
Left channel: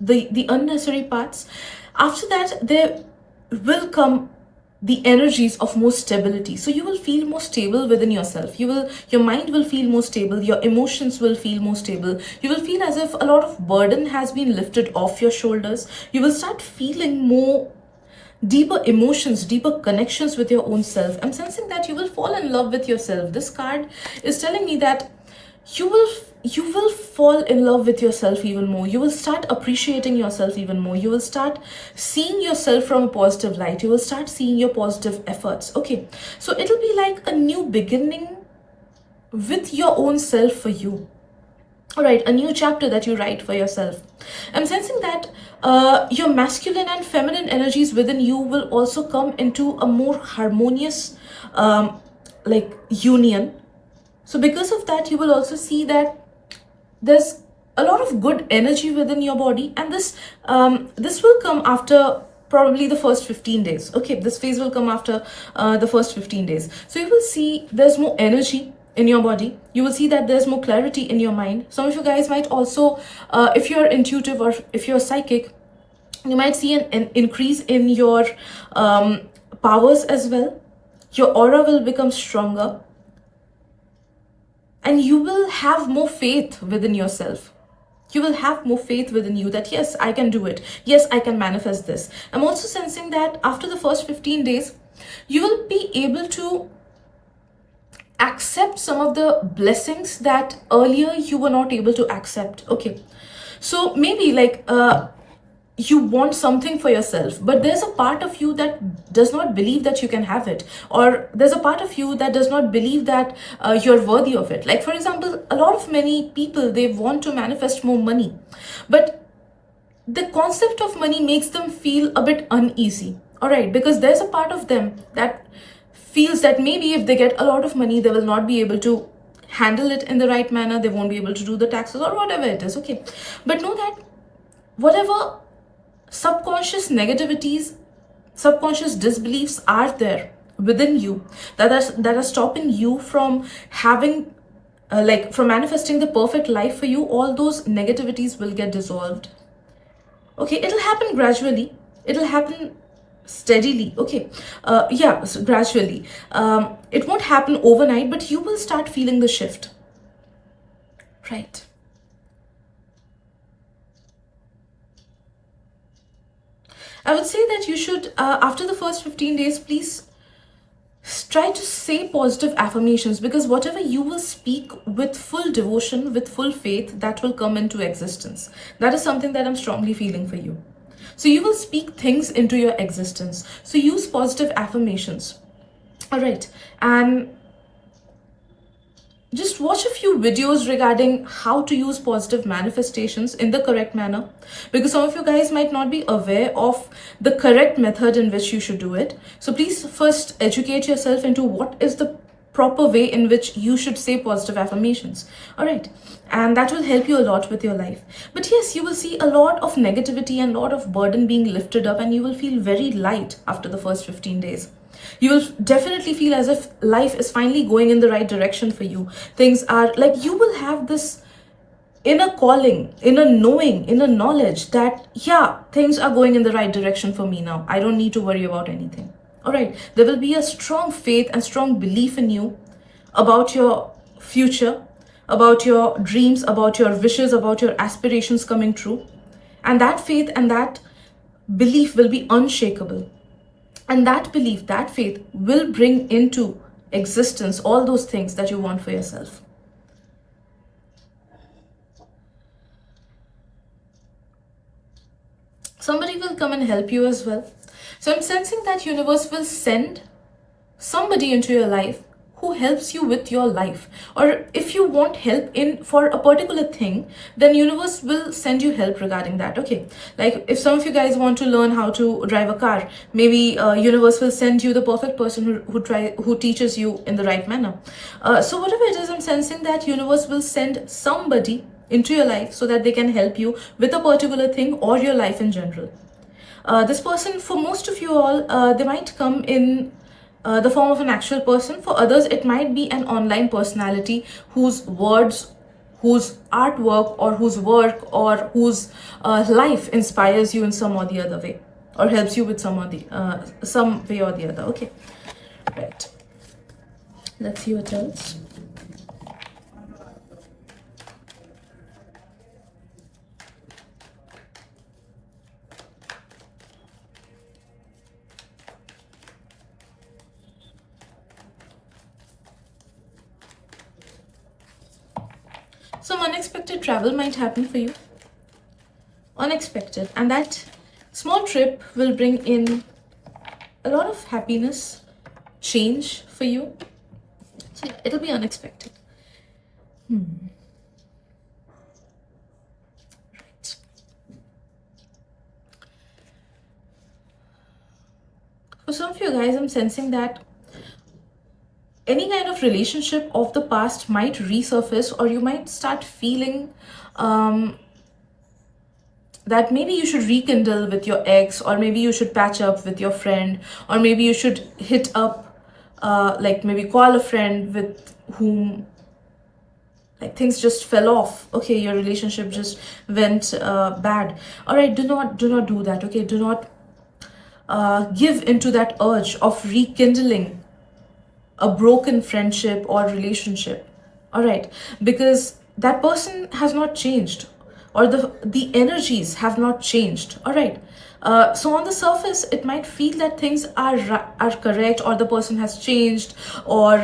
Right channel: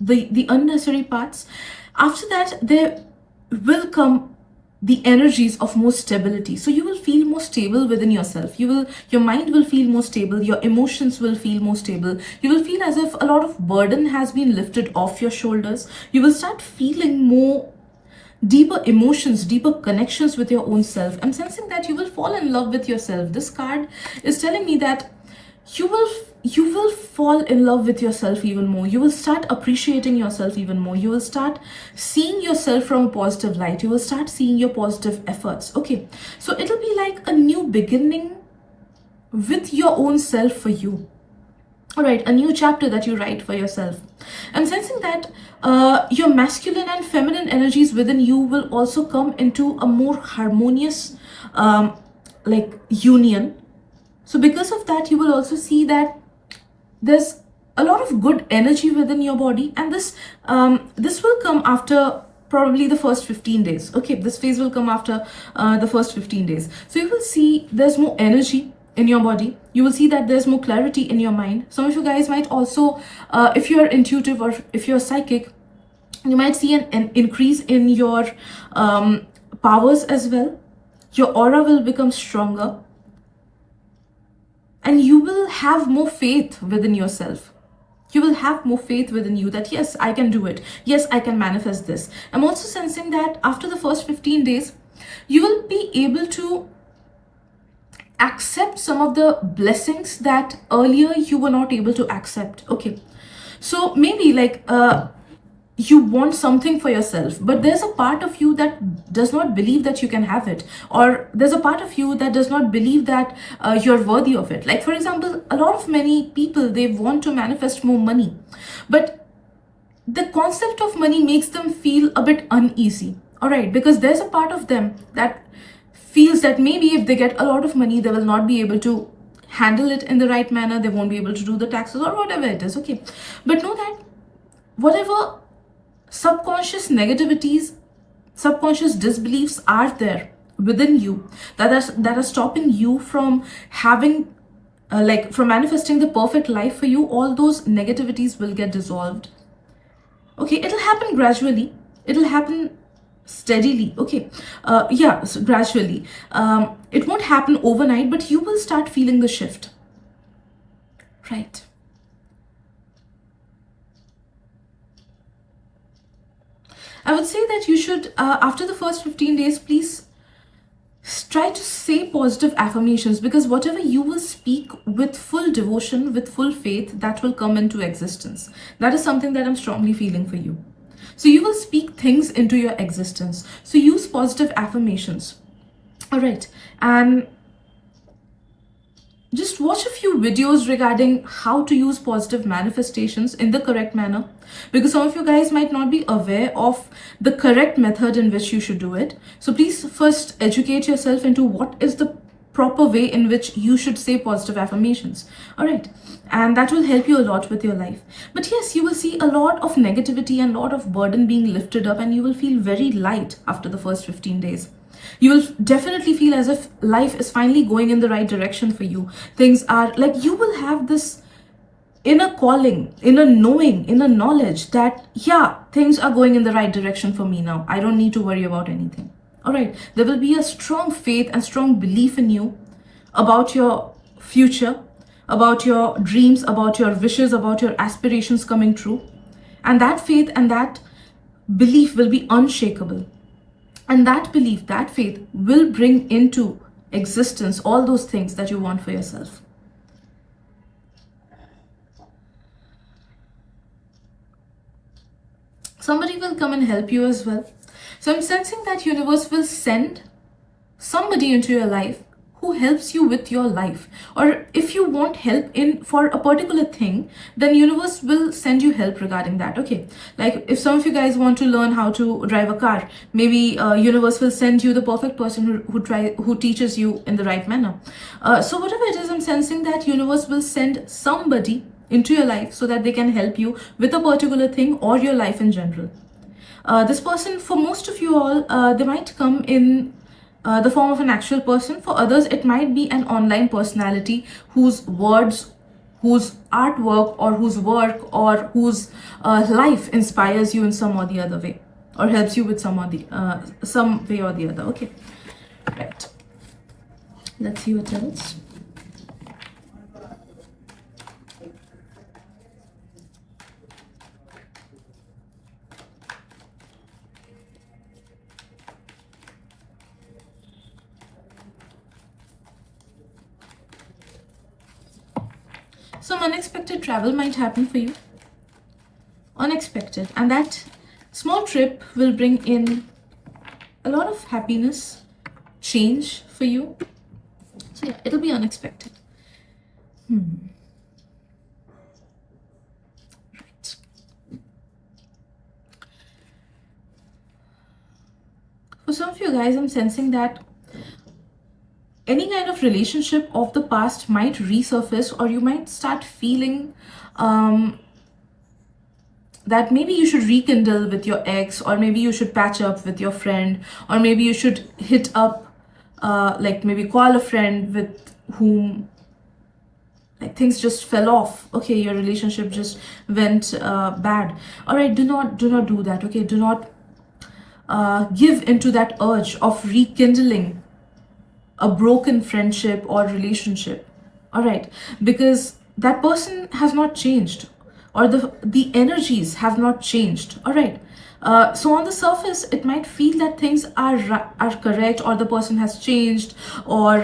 the unnecessary parts, after that, there will come the energies of more stability. So you will feel more stable within yourself. Your mind will feel more stable. Your emotions will feel more stable. You will feel as if a lot of burden has been lifted off your shoulders. You will start feeling more deeper emotions, deeper connections with your own self. I'm sensing that you will fall in love with yourself. This card is telling me that you will fall in love with yourself even more. You will start appreciating yourself even more. You will start seeing yourself from a positive light. You will start seeing your positive efforts. Okay, so it'll be like a new beginning with your own self for you. All right, a new chapter that you write for yourself. I'm sensing that your masculine and feminine energies within you will also come into a more harmonious union. So because of that, you will also see that there's a lot of good energy within your body, and this will come after probably the first 15 days. Okay, this phase will come after the first 15 days. So you will see there's more energy in your body. You will see that there's more clarity in your mind. Some of you guys might also, if you're intuitive or if you're psychic, you might see an increase in your powers as well. Your aura will become stronger. And you will have more faith within yourself. You will have more faith within you that, yes, I can do it. Yes, I can manifest this. I'm also sensing that after the first 15 days, you will be able to accept some of the blessings that earlier you were not able to accept. Okay. So maybe you want something for yourself, but there's a part of you that does not believe that you can have it, or there's a part of you that does not believe that you're worthy of it. Like, for example, a lot of many people, they want to manifest more money, but the concept of money makes them feel a bit uneasy. All right, because there's a part of them that feels that maybe if they get a lot of money, they will not be able to handle it in the right manner. They won't be able to do the taxes or whatever it is. Okay, but know that whatever subconscious negativities, subconscious disbeliefs are there within you that are stopping you from having from manifesting the perfect life for you, all those negativities will get dissolved. Okay, it'll happen gradually, it'll happen steadily. Okay, so gradually. It won't happen overnight, but you will start feeling the shift, right? I would say that you should, after the first 15 days, please try to say positive affirmations, because whatever you will speak with full devotion, with full faith, that will come into existence. That is something that I'm strongly feeling for you. So you will speak things into your existence. So use positive affirmations. All right. And just watch a few videos regarding how to use positive manifestations in the correct manner, because some of you guys might not be aware of the correct method in which you should do it. So please first educate yourself into what is the proper way in which you should say positive affirmations. All right, and that will help you a lot with your life. But yes, you will see a lot of negativity and a lot of burden being lifted up, and you will feel very light after the first 15 days. You will definitely feel as if life is finally going in the right direction for you. Things are like, you will have this inner calling, inner knowing, inner knowledge that, yeah, things are going in the right direction for me now. I don't need to worry about anything. All right. There will be a strong faith and strong belief in you about your future, about your dreams, about your wishes, about your aspirations coming true. And that faith and that belief will be unshakable. And that belief, that faith will bring into existence all those things that you want for yourself. Somebody will come and help you as well. So I'm sensing that universe will send somebody into your life who helps you with your life. Or if you want help in for a particular thing, then universe will send you help regarding that. Okay, like if some of you guys want to learn how to drive a car, maybe universe will send you the perfect person who teaches you in the right manner. So whatever it is, I'm sensing that universe will send somebody into your life so that they can help you with a particular thing or your life in general. This person, for most of you all, they might come in the form of an actual person. For others, it might be an online personality whose words, whose artwork, or whose work, or whose life inspires you in some or the other way, or helps you with some way or the other. Okay, right. Let's see what else. Some unexpected travel might happen for you. Unexpected. And that small trip will bring in a lot of happiness, change for you. So yeah, it'll be unexpected. Right. For some of you guys, I'm sensing that any kind of relationship of the past might resurface, or you might start feeling that maybe you should rekindle with your ex, or maybe you should patch up with your friend, or maybe you should hit up, like maybe call a friend with whom like things just fell off. Okay, your relationship just went bad. All right, do not do that. Okay, do not give into that urge of rekindling a broken friendship or relationship. All right, because that person has not changed, or the energies have not changed. All right, so on the surface it might feel that things are correct, or the person has changed, or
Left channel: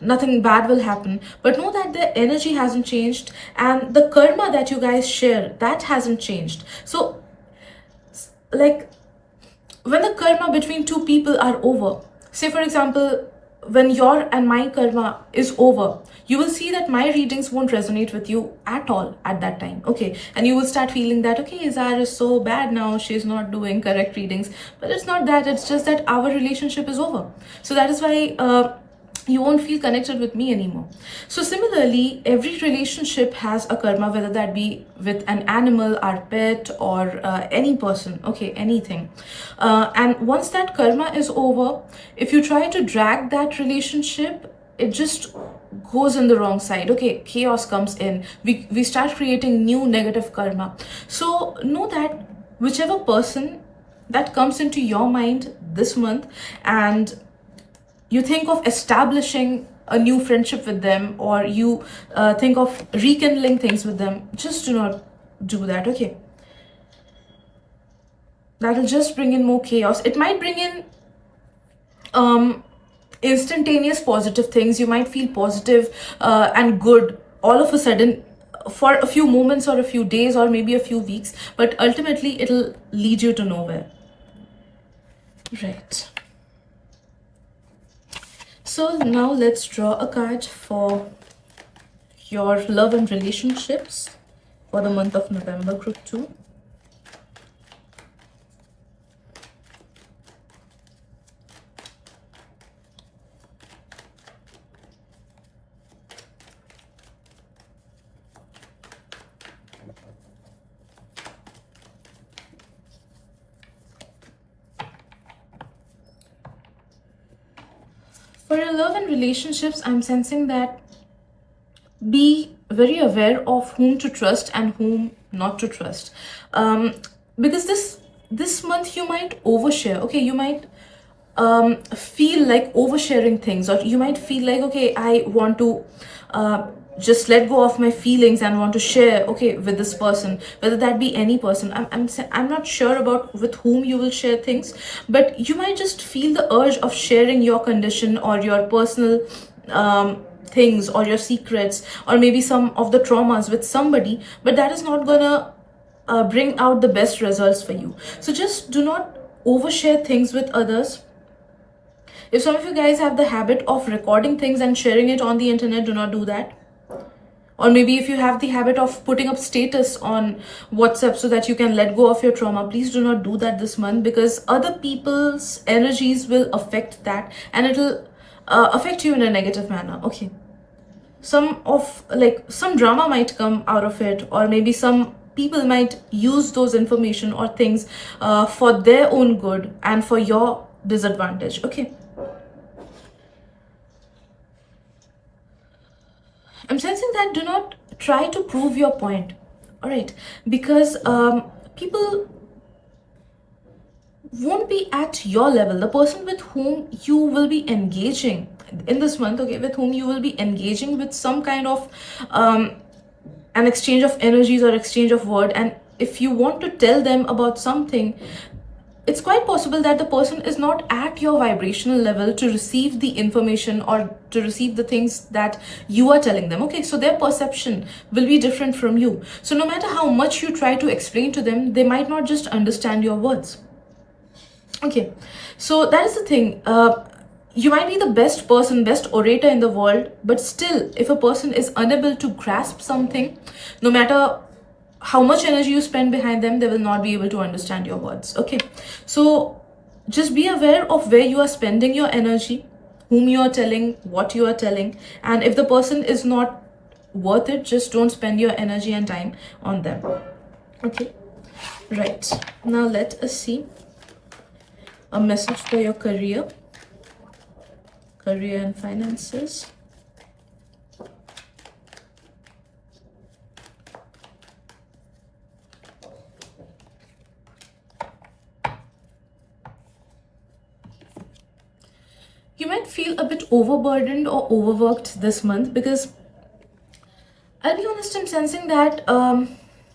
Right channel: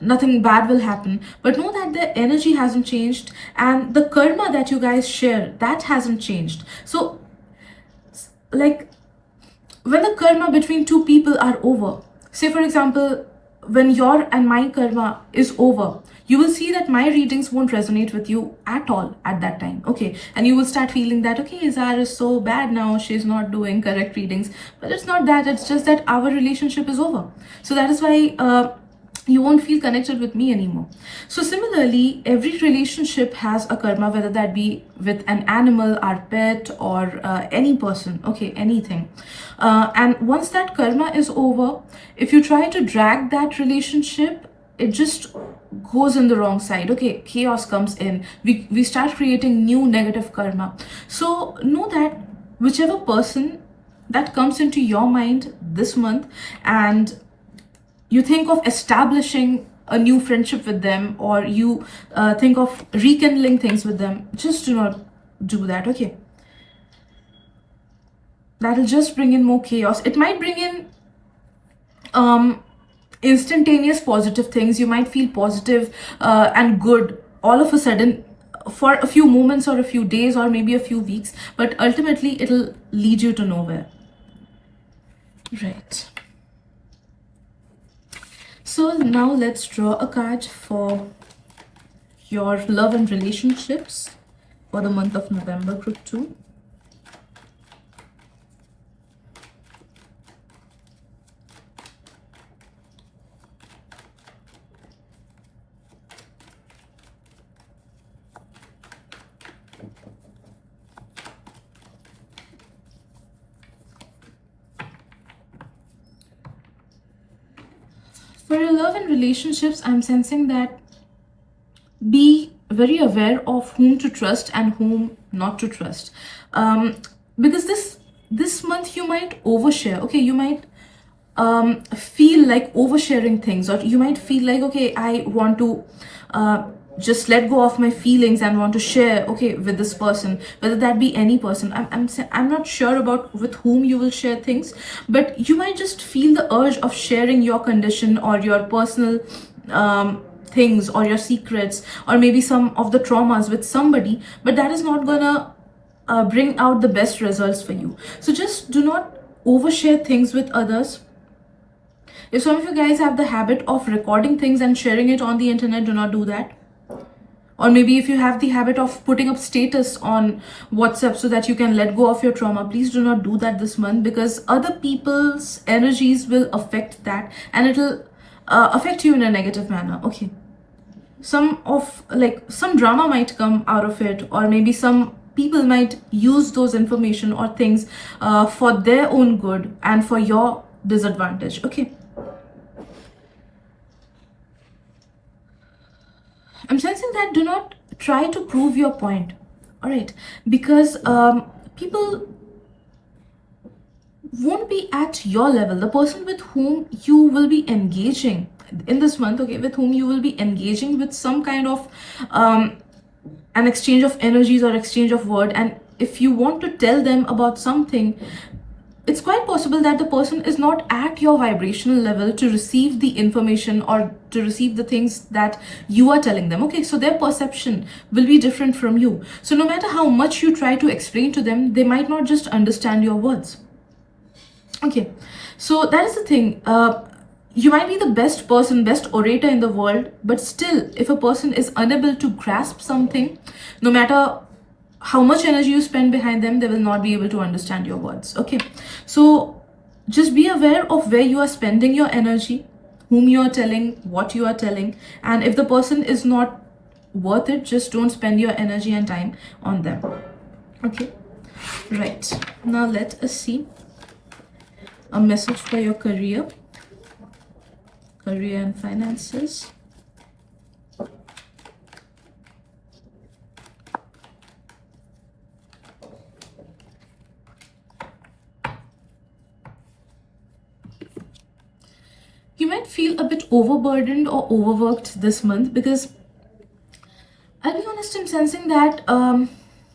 nothing bad will happen, but know that the energy hasn't changed, and the karma that you guys share, that hasn't changed. So like when the karma between two people are over, say for example, when your and my karma is over, you will see that my readings won't resonate with you at all at that time. Okay, and you will start feeling that, okay, Izar is so bad now, she's not doing correct readings. But it's not that, it's just that our relationship is over. So that is why you won't feel connected with me anymore. So similarly, every relationship has a karma, whether that be with an animal, our pet, or any person, okay, anything. And once that karma is over, if you try to drag that relationship, it just goes in the wrong side, okay, chaos comes in, we start creating new negative karma. So know that whichever person that comes into your mind this month, and you think of establishing a new friendship with them, or you think of rekindling things with them, just do not do that, okay? That'll just bring in more chaos. It might bring in instantaneous positive things. You might feel positive and good all of a sudden for a few moments or a few days or maybe a few weeks, but ultimately it'll lead you to nowhere. Right. So now let's draw a card for your love and relationships for the month of November, group 2. For your love and relationships, I'm sensing that be very aware of whom to trust and whom not to trust. Because this month you might overshare, okay? You might feel like oversharing things, or you might feel like, okay, I want to just let go of my feelings and want to share, okay, with this person, whether that be any person. I'm not sure about with whom you will share things, but you might just feel the urge of sharing your condition or your personal things or your secrets or maybe some of the traumas with somebody, but that is not gonna bring out the best results for you. So just do not overshare things with others. If some of you guys have the habit of recording things and sharing it on the internet, do not do that. Or maybe if you have the habit of putting up status on WhatsApp so that you can let go of your trauma, please do not do that this month, because other people's energies will affect that and it'll affect you in a negative manner, okay? Some drama might come out of it, or maybe some people might use those information or things for their own good and for your disadvantage, okay? I'm sensing that do not try to prove your point, all right? Because people won't be at your level. The person with whom you will be engaging in this month, okay, with whom you will be engaging with some kind of an exchange of energies or exchange of word, and if you want to tell them about something, it's quite possible that the person is not at your vibrational level to receive the information or to receive the things that you are telling them, okay? So their perception will be different from you. So no matter how much you try to explain to them, they might not just understand your words, okay? So that is the thing. You might be the best person, best orator in the world, but still, if a person is unable to grasp something, no matter how much energy you spend behind them, they will not be able to understand your words, okay? So just be aware of where you are spending your energy, whom you are telling, what you are telling, and if the person is not worth it, just don't spend your energy and time on them, okay? Right, now let us see a message for your career and finances. You might feel a bit overburdened or overworked this month, because I'll be honest, I'm sensing that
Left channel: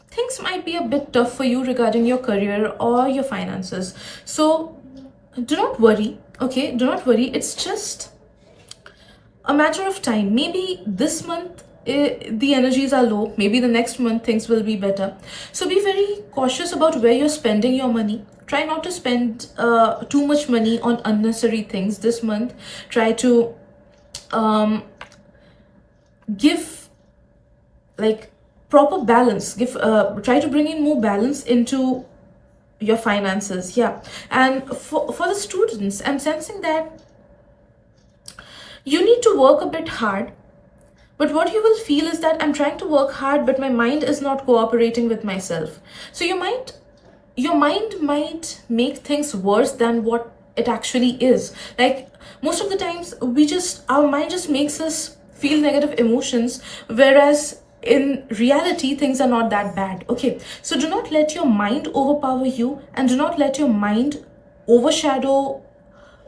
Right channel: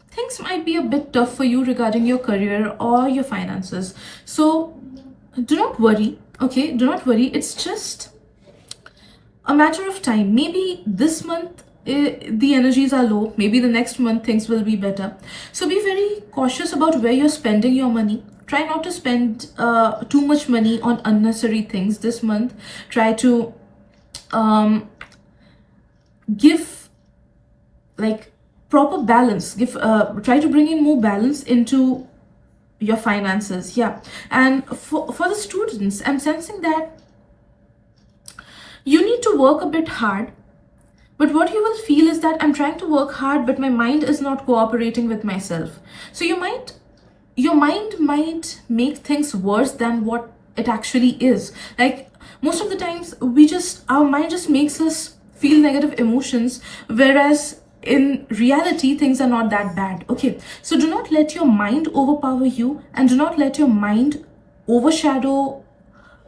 things might be a bit tough for you regarding your career or your finances. So do not worry, okay? Do not worry. It's just a matter of time. Maybe this month the energies are low. Maybe the next month things will be better. So be very cautious about where you're spending your money. Try not to spend too much money on unnecessary things this month. Try to give like proper balance. Try to bring in more balance into your finances, yeah. And for the students, I'm sensing that you need to work a bit hard, but what you will feel is that I'm trying to work hard, but my mind is not cooperating with myself. So your mind might make things worse than what it actually is. Like most of the times our mind just makes us feel negative emotions, whereas in reality things are not that bad. Okay, so do not let your mind overpower you, and do not let your mind overshadow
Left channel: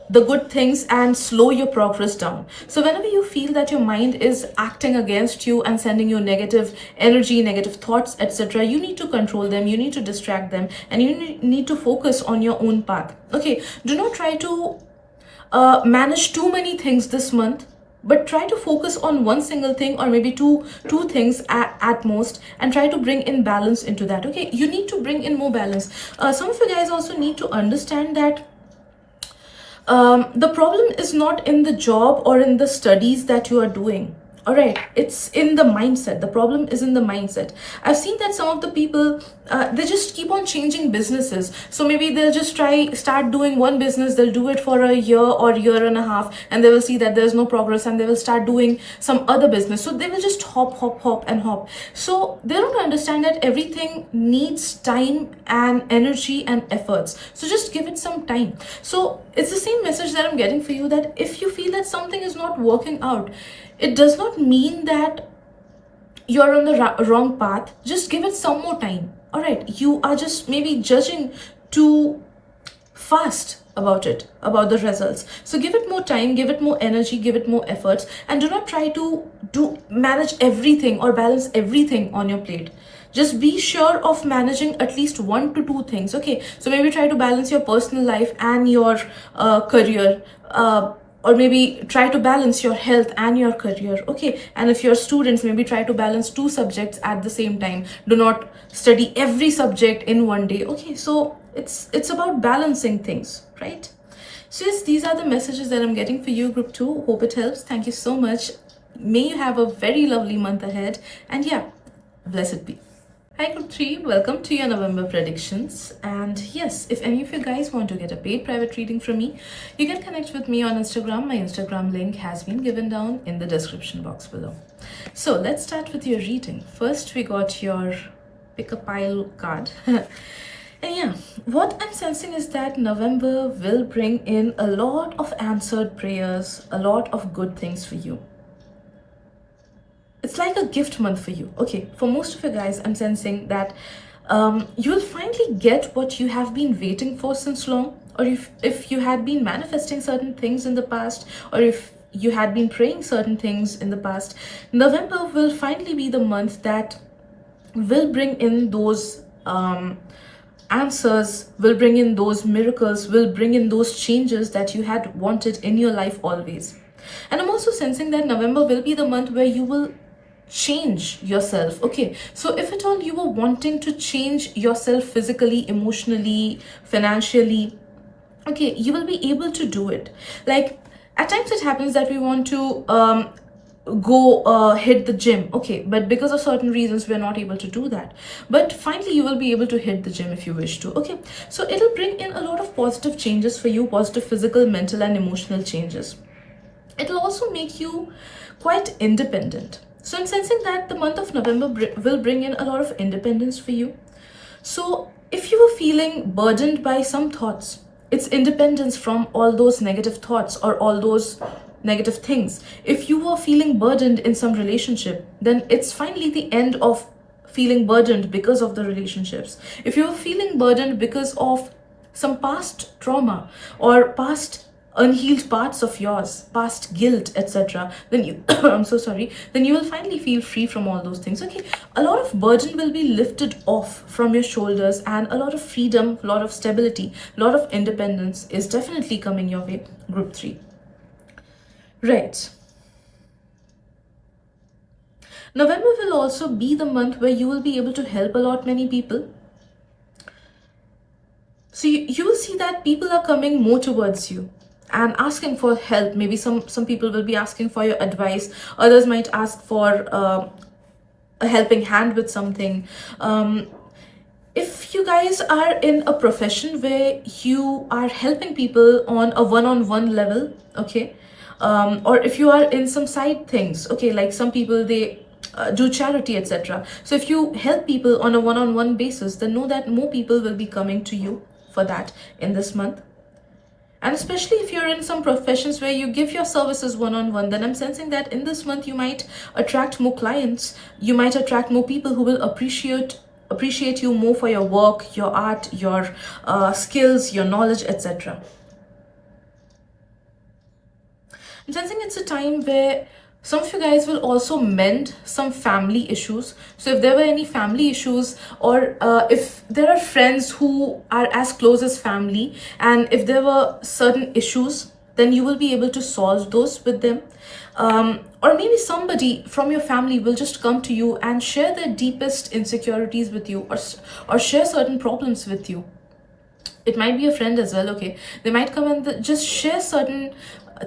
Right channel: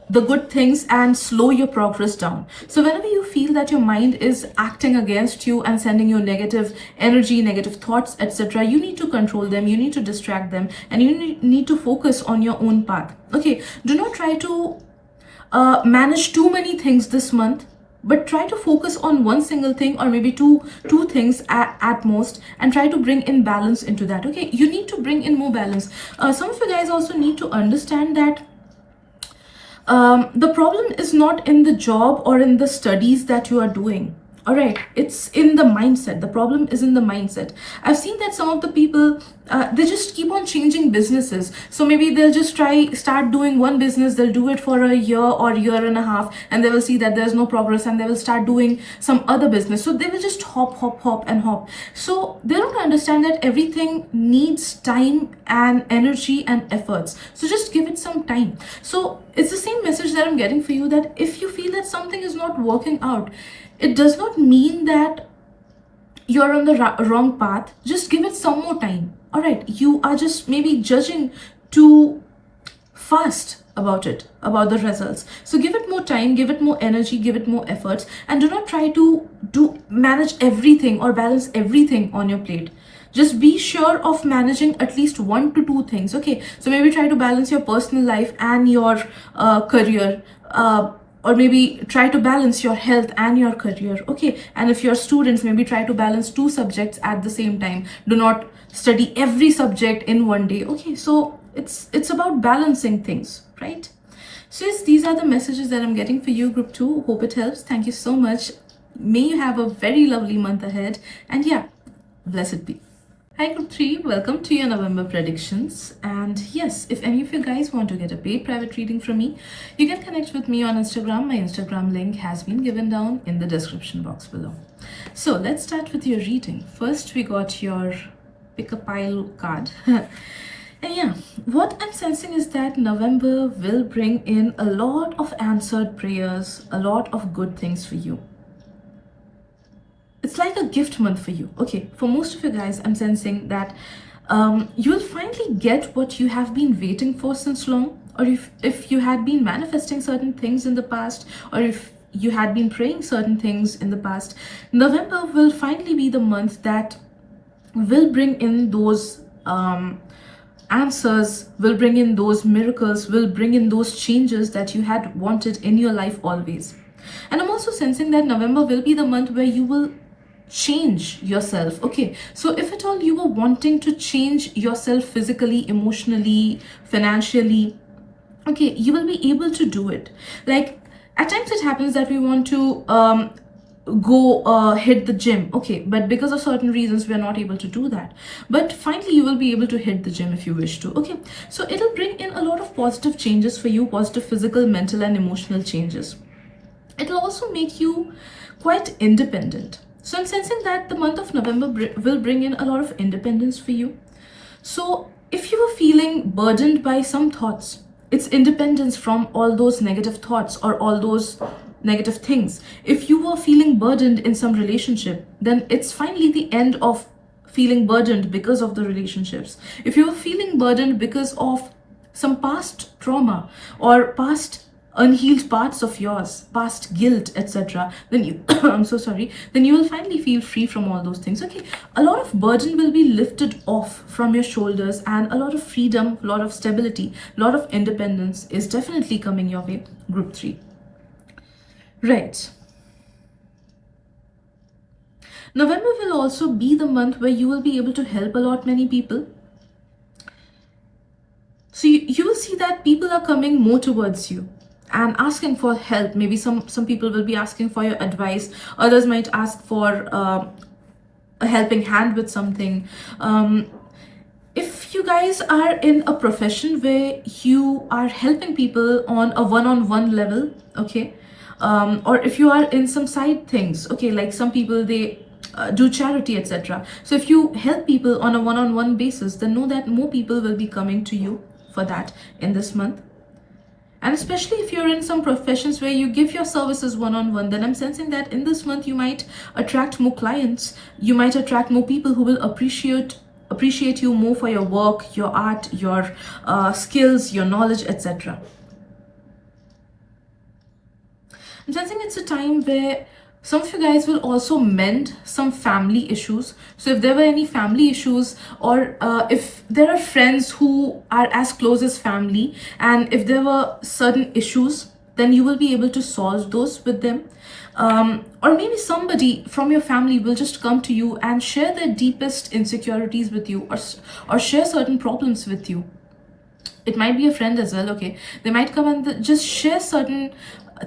the good things and slow your progress down. So whenever you feel that your mind is acting against you and sending you negative energy, negative thoughts, etc., you need to control them, you need to distract them, and you need to focus on your own path. Okay, do not try to manage too many things this month, but try to focus on one single thing, or maybe two things at most, and try to bring in balance into that. Okay, you need to bring in more balance. Some of you guys also need to understand that the problem is not in the job or in the studies that you are doing. All right, it's in the mindset. The problem is in the mindset. I've seen that some of the people, they just keep on changing businesses. So maybe they'll just start doing one business, they'll do it for a year or year and a half, and they will see that there's no progress, and they will start doing some other business. So they will just hop and hop. So they don't understand that everything needs time and energy and efforts. So just give it some time. So it's the same message that I'm getting for you, that if you feel that something is not working out, it does not mean that you're on the wrong path. Just give it some more time. All right, you are just maybe judging too fast about it, about the results. So give it more time, give it more energy, give it more efforts, and do not try to manage everything or balance everything on your plate. Just be sure of managing at least 1 to 2 things. Okay, so maybe try to balance your personal life and your career, or maybe try to balance your health and your career. Okay, and if you're students, maybe try to balance 2 subjects at the same time. Do not study every subject in one day. Okay, so it's about balancing things, right? So yes, these are the messages that I'm getting for you, group 2. Hope it helps. Thank you so much. May you have a very lovely month ahead, and yeah, blessed be. Hi group 3, welcome to your November predictions. And yes, if any of you guys want to get a paid private reading from me, you can connect with me on Instagram. My Instagram link has been given down in the description box below. So let's start with your reading. First, we got your pick a pile card. And yeah, what I'm sensing is that November will bring in a lot of answered prayers, a lot of good things for you. It's like a gift month for you. Okay, for most of you guys, I'm sensing that you will finally get what you have been waiting for since long, or if you had been manifesting certain things in the past, or if you had been praying certain things in the past, November will finally be the month that will bring in those answers, will bring in those miracles, will bring in those changes that you had wanted in your life always. And I'm also sensing that November will be the month where you will change yourself. Okay, so if at all you were wanting to change yourself physically, emotionally, financially, okay, you will be able to do it. Like at times it happens that we want to go hit the gym, okay, but because of certain reasons we're not able to do that. But finally you will be able to hit the gym if you wish to. Okay, so it'll bring in a lot of positive changes for you, positive physical, mental and emotional changes. It'll also make you quite independent. So I'm sensing that the month of November will bring in a lot of independence for you. So if you were feeling burdened by some thoughts, it's independence from all those negative thoughts or all those negative things. If you were feeling burdened in some relationship, then it's finally the end of feeling burdened because of the relationships. If you were feeling burdened because of some past trauma or past unhealed parts of yours, past guilt, etc., then you I'm so sorry, then you will finally feel free from all those things. Okay, a lot of burden will be lifted off from your shoulders, and a lot of freedom, a lot of stability, a lot of independence is definitely coming your way, group 3. Right, November will also be the month where you will be able to help a lot many people. So you will see that people are coming more towards you and asking for help. Maybe some people will be asking for your advice, others might ask for a helping hand with something. If you guys are in a profession where you are helping people on a one-on-one level, okay, or if you are in some side things, okay, like some people, they do charity, etc. So if you help people on a one-on-one basis, then know that more people will be coming to you for that in this month. And especially if you're in some professions where you give your services one-on-one, then I'm sensing that in this month you might attract more clients, you might attract more people who will appreciate you more for your work, your art, your skills, your knowledge, etc. I'm sensing it's a time where some of you guys will also mend some family issues. So if there were any family issues, or if there are friends who are as close as family, and if there were certain issues, then you will be able to solve those with them. Or maybe somebody from your family will just come to you and share their deepest insecurities with you, or share certain problems with you. It might be a friend as well, okay? They might come and just share certain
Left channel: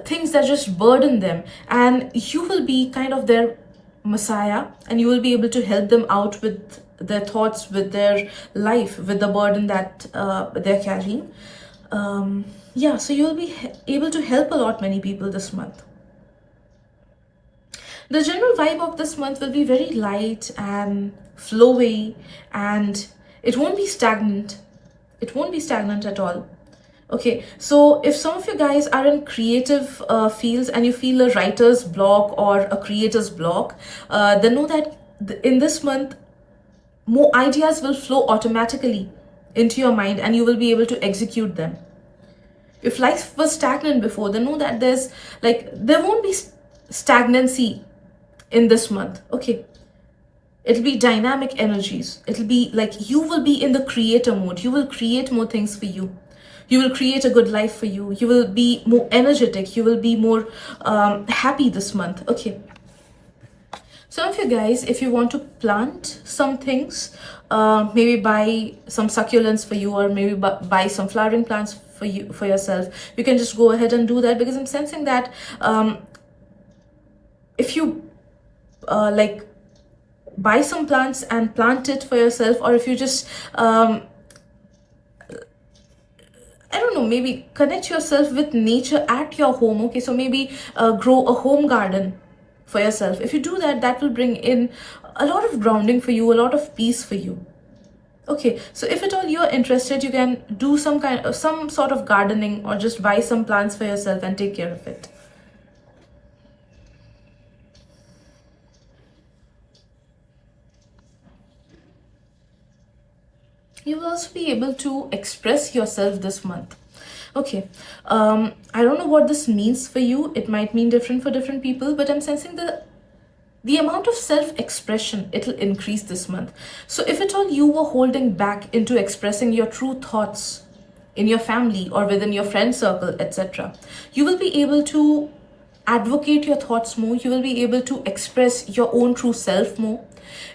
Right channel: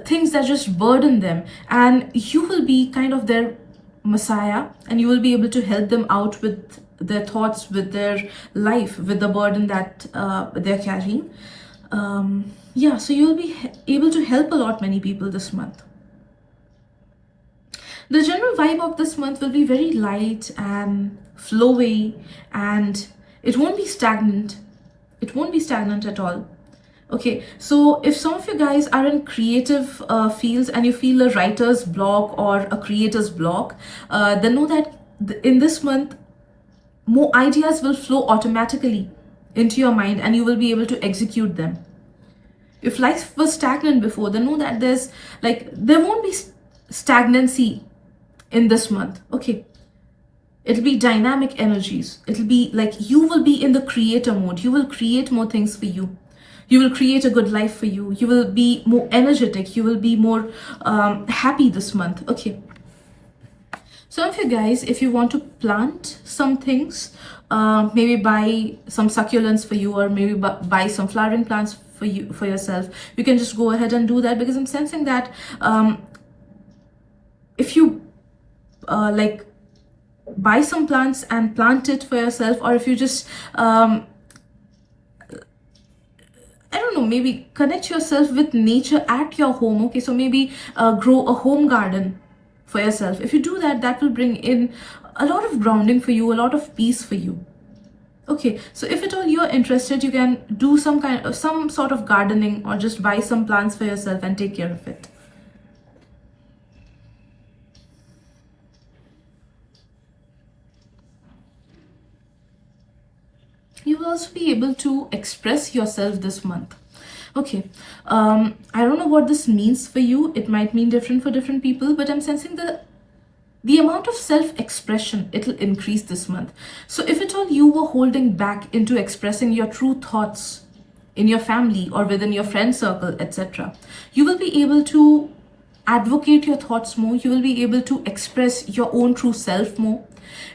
things that just burden them, and you will be kind of their messiah, and you will be able to help them out with their thoughts, with their life, with the burden that they're carrying. Yeah, so you'll be able to help a lot many people this month. The general vibe of this month will be very light and flowy, and it won't be stagnant. It won't be stagnant at all. Okay, so if some of you guys are in creative fields and you feel a writer's block or a creator's block, then know that in this month, more ideas will flow automatically into your mind and you will be able to execute them. If life was stagnant before, then know that there won't be stagnancy in this month, okay? It'll be dynamic energies. It'll be like you will be in the creator mode. You will create more things for you. You will create a good life for you. You will be more energetic. You will be more happy this month. Okay. Some of you guys, if you want to plant some things, maybe buy some succulents for you, or maybe buy some flowering plants for yourself, you can just go ahead and do that, because I'm sensing that if you buy some plants and plant it for yourself, or if you just I don't know, maybe connect yourself with nature at your home. Okay, so maybe grow a home garden for yourself. If you do that, that will bring in a lot of grounding for you, a lot of peace for you. Okay, so if at all you're interested, you can do some sort of gardening, or just buy some plants for yourself and take care of it. You will also be able to express yourself this month. Okay, I don't know what this means for you. It might mean different for different people, but I'm sensing the amount of self-expression, it'll increase this month. So if at all you were holding back into expressing your true thoughts in your family or within your friend circle, etc., you will be able to advocate your thoughts more. You will be able to express your own true self more.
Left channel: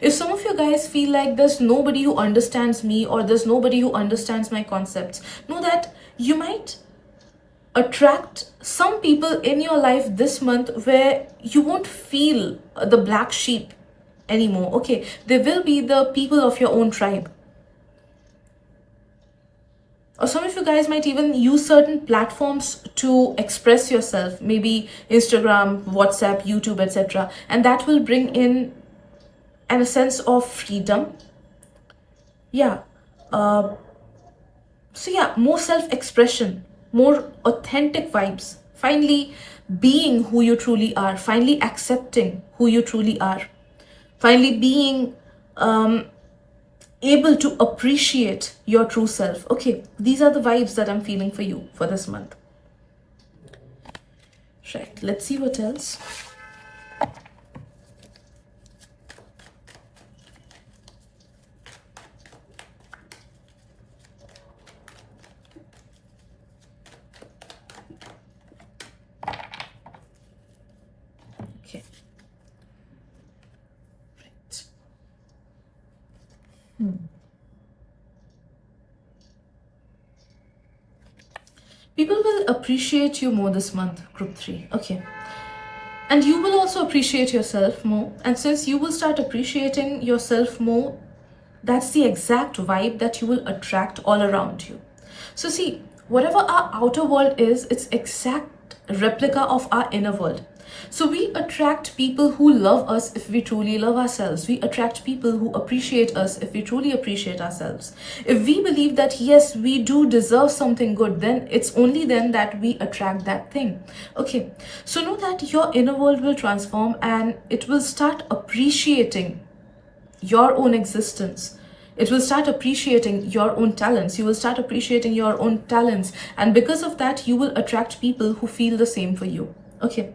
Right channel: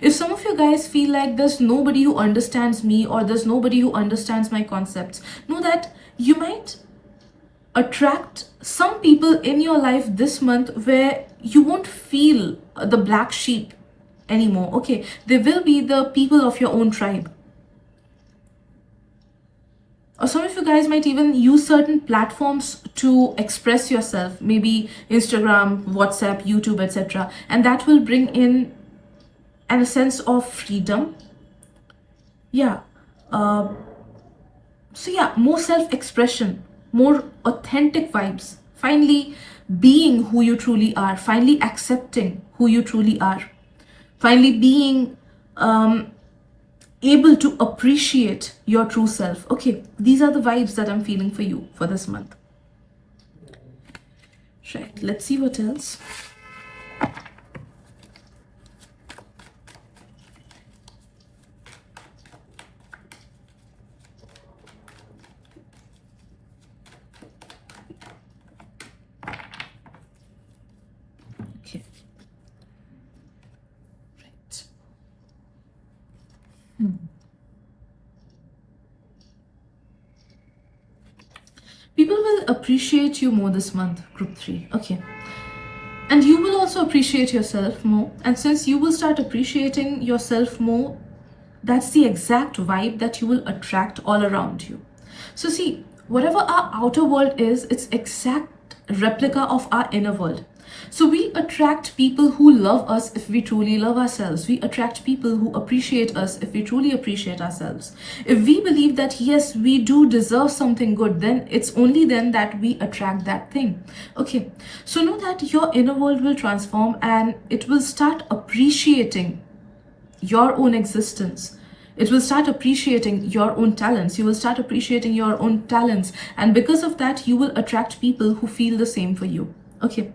If some of you guys feel like there's nobody who understands me, or there's nobody who understands my concepts, know that you might attract some people in your life this month where you won't feel the black sheep anymore. Okay, they will be the people of your own tribe. Or some of you guys might even use certain platforms to express yourself, maybe Instagram, WhatsApp, YouTube, etc. And that will bring in a sense of freedom. Yeah. So yeah, more self-expression, more authentic vibes. Finally being who you truly are. Finally accepting who you truly are. Finally being able to appreciate your true self. Okay, these are the vibes that I'm feeling for you for this month. Right, let's see what else. Okay. Right. People will appreciate you more this month, group 3. Okay. And you will also appreciate yourself more. And since you will start appreciating yourself more, that's the exact vibe that you will attract all around you. So see, whatever our outer world is, it's exact replica of our inner world. So we attract people who love us if we truly love ourselves. We attract people who appreciate us if we truly appreciate ourselves. If we believe that yes, we do deserve something good, then it's only then that we attract that thing. Okay, so know that your inner world will transform and it will start appreciating your own existence. It will start appreciating your own talents. You will start appreciating your own talents, and because of that you will attract people who feel the same for you. Okay,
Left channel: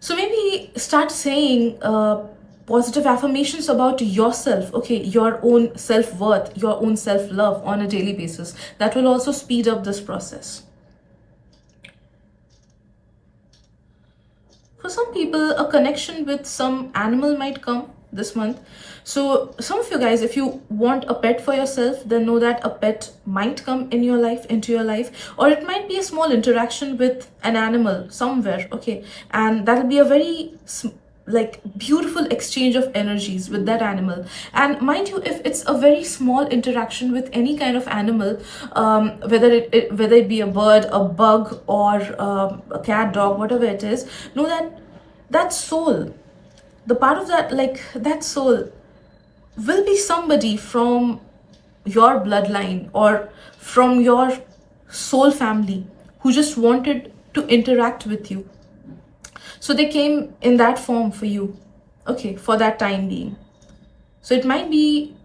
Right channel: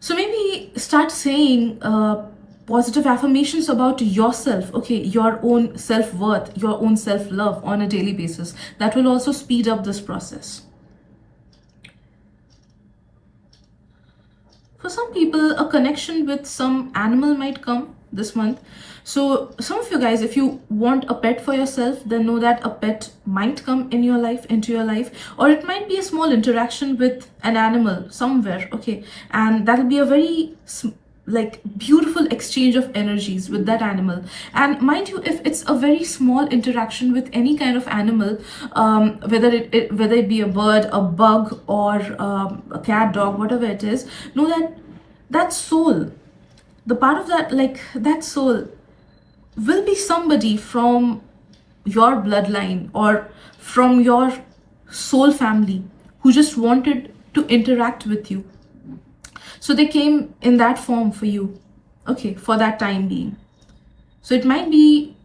so maybe start saying positive affirmations about yourself, okay, your own self-worth, your own self-love on a daily basis. That will also speed up this process. For some people, a connection with some animal might come this month. So some of you guys, if you want a pet for yourself, then know that a pet might come in your life, into your life, or it might be a small interaction with an animal somewhere, okay, and that'll be a very like beautiful exchange of energies with that animal. And mind you, if it's a very small interaction with any kind of animal, whether it be a bird, a bug, or a cat, dog, whatever it is, know that that soul, the part of that, like that soul will be somebody from your bloodline or from your soul family who just wanted to interact with you. So they came in that form for you, okay, for that time being. So it might be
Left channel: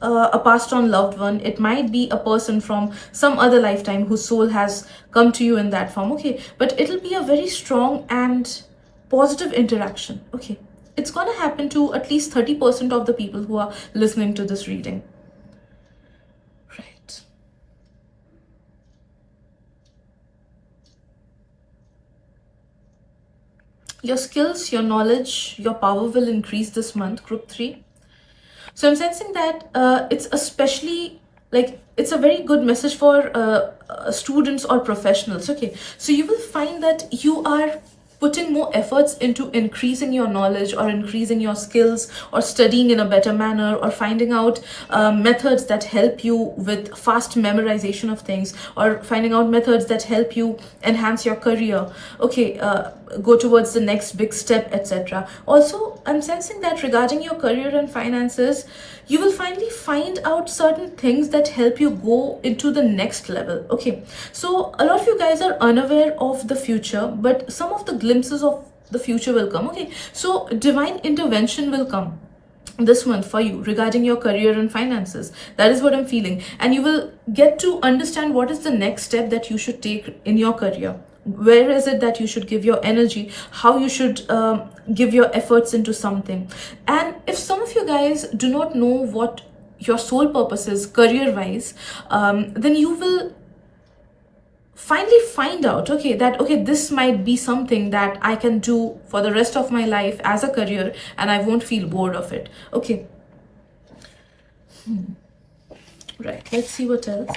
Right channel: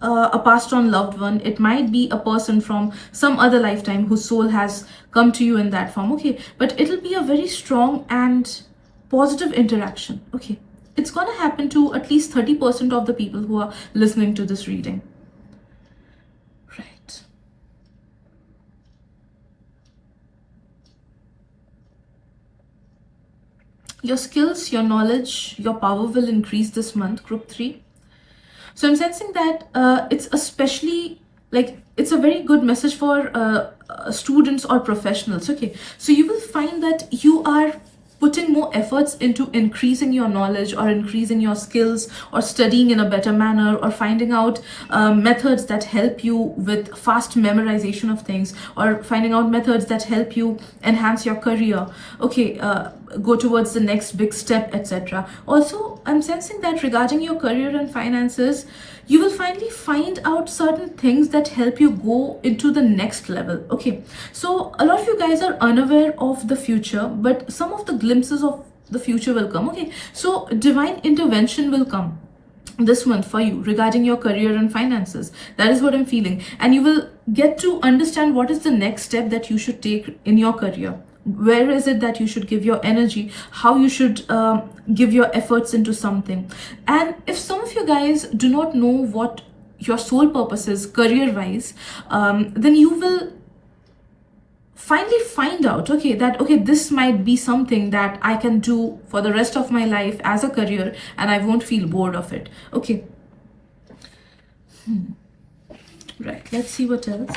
a passed on loved one. It might be a person from some other lifetime whose soul has come to you in that form, okay. But it'll be a very strong and positive interaction, okay. It's gonna happen to at least 30% of the people who are listening to this reading. Right. Your skills, your knowledge, your power will increase this month, group 3. So I'm sensing that it's especially like it's a very good message for students or professionals, okay. So you will find that you are putting more efforts into increasing your knowledge or increasing your skills or studying in a better manner or finding out methods that help you with fast memorization of things or finding out methods that help you enhance your career, okay, go towards the next big step, etc. Also, I'm sensing that regarding your career and finances, you will finally find out certain things that help you go into the next level, okay. So a lot of you guys are unaware of the future, but some of the glimpses of the future will come, okay. So divine intervention will come this month for you regarding your career and finances. That is what I'm feeling, and you will get to understand what is the next step that you should take in your career. Where is it that you should give your energy, how you should give your efforts into something. And if some of you guys do not know what your sole purpose is career wise, then you will finally find out, okay, that okay, this might be something that I can do for the rest of my life as a career and I won't feel bored of it, okay. Right, let's see what else.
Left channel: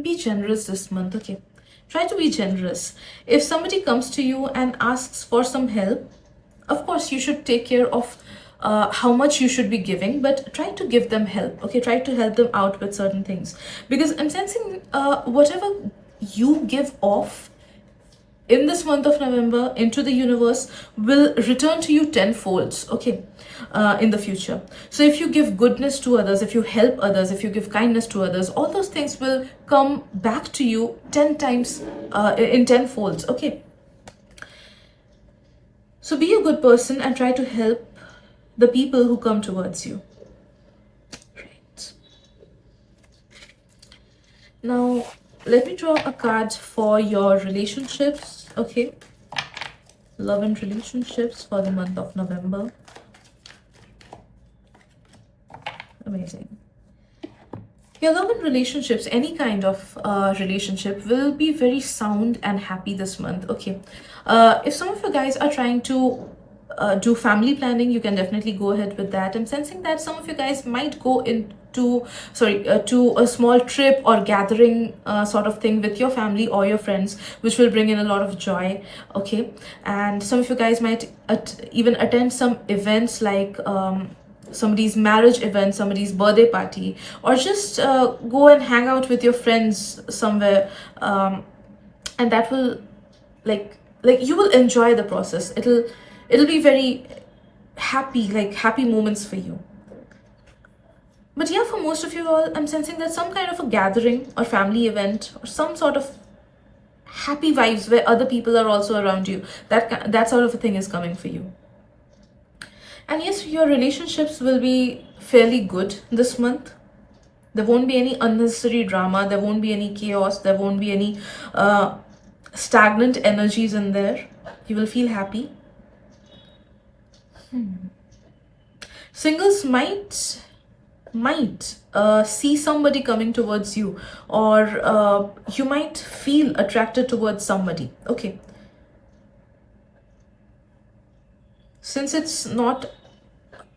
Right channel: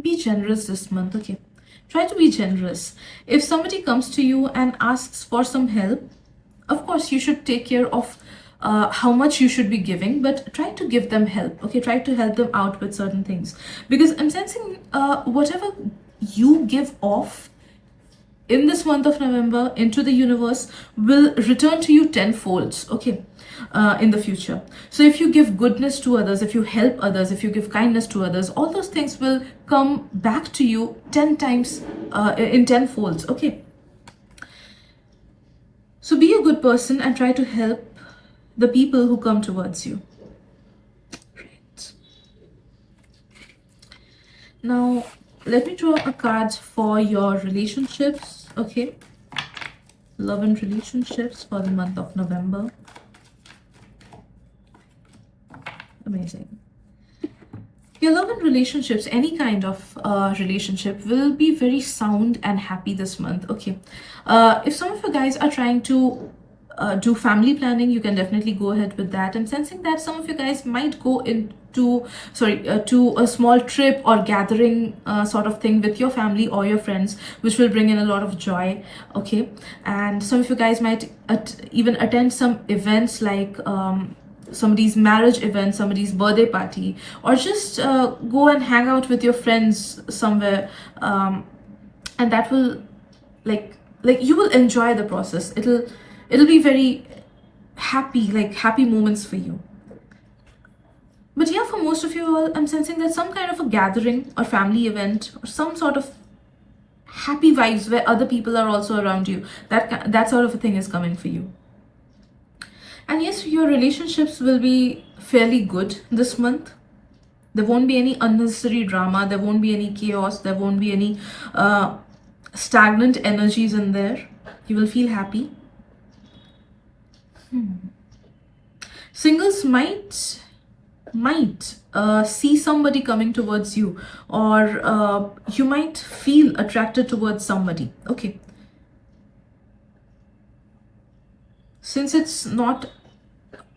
Be generous this month, okay. Try to be generous. If somebody comes to you and asks for some help, of course you should take care of how much you should be giving, but try to give them help, okay. Try to help them out with certain things, because I'm sensing whatever you give off in this month of November into the universe will return to you tenfold, okay, in the future. So if you give goodness to others, if you help others, if you give kindness to others, all those things will come back to you 10 times in tenfolds, okay. So be a good person and try to help the people who come towards you. Right. Now let me draw a card for your relationships, okay. Love and relationships for the month of November. Amazing. Your love and relationships, any kind of relationship, will be very sound and happy this month, okay. If some of you guys are trying to do family planning, you can definitely go ahead with that. I'm sensing that some of you guys might go into to a small trip or gathering sort of thing with your family or your friends, which will bring in a lot of joy. Okay, and some of you guys might even attend some events like somebody's marriage event, somebody's birthday party, or just go and hang out with your friends somewhere, and that will like you will enjoy the process. It'll be very happy, like happy moments for you. But yeah, for most of you all, I'm sensing that some kind of a gathering or family event or some sort of happy vibes where other people are also around you, that sort of a thing is coming for you. And yes, your relationships will be fairly good this month. There won't be any unnecessary drama, there won't be any chaos, there won't be any stagnant energies in there. You will feel happy. Singles might see somebody coming towards you, or you might feel attracted towards somebody. Okay, since it's not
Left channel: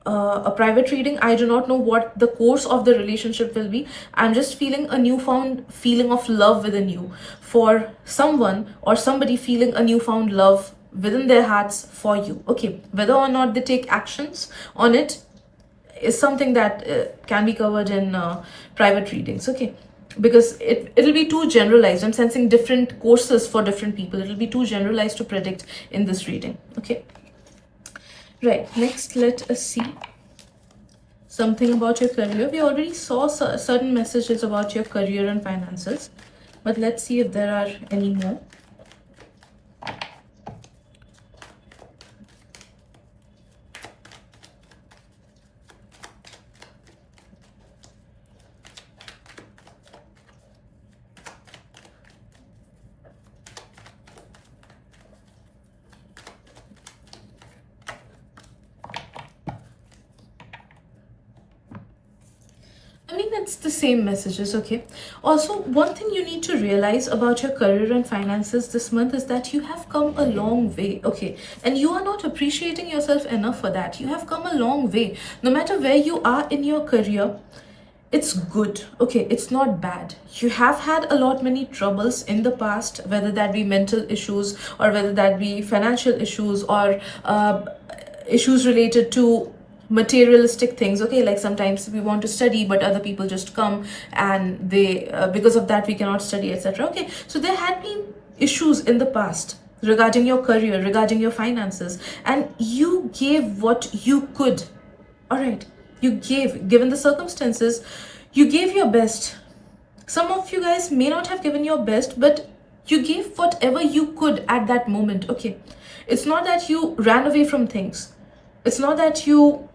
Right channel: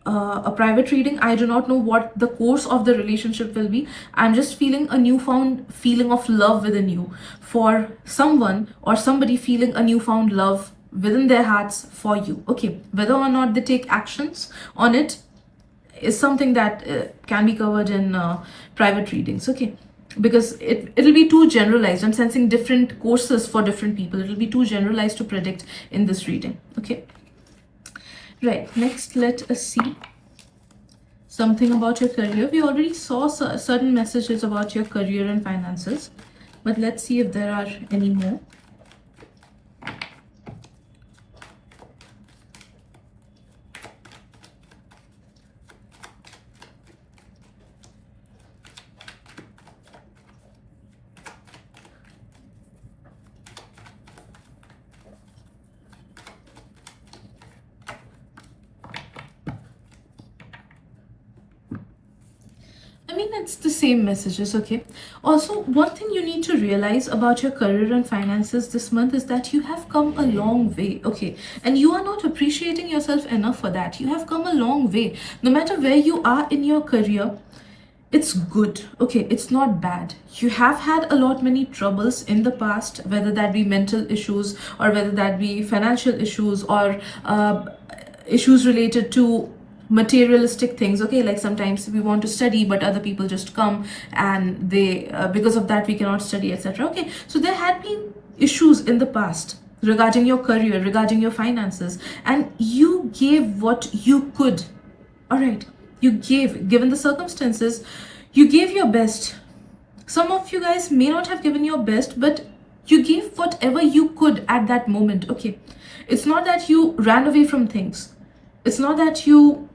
a private reading, I do not know what the course of the relationship will be. I'm just feeling a newfound feeling of love within you for someone, or somebody feeling a newfound love within their hearts for you. Okay, whether or not they take actions on it is something that can be covered in private readings. Okay, because it'll be too generalized. I'm sensing different courses for different people. It'll be too generalized to predict in this reading. Okay, right, next let us see something about your career. We already saw certain messages about your career and finances, but let's see if there are any more. I mean, it's the same messages. Okay, also one thing you need to realize about your career and finances this month is that you have come a long way. Okay, and you are not appreciating yourself enough for that. You have come a long way. No matter where you are in your career, it's good. Okay, it's not bad. You have had a lot many troubles in the past, whether that be mental issues or whether that be financial issues, or issues related to materialistic things. Okay, like sometimes we want to study but other people just come and they because of that we cannot study, etc. Okay, so there had been issues in the past regarding your career, regarding your finances, and you gave what you could. All right, you gave, given the circumstances, you gave your best. Some of you guys may not have given your best, but you gave whatever you could at that moment. Okay, it's not that you ran away from things. It's not that you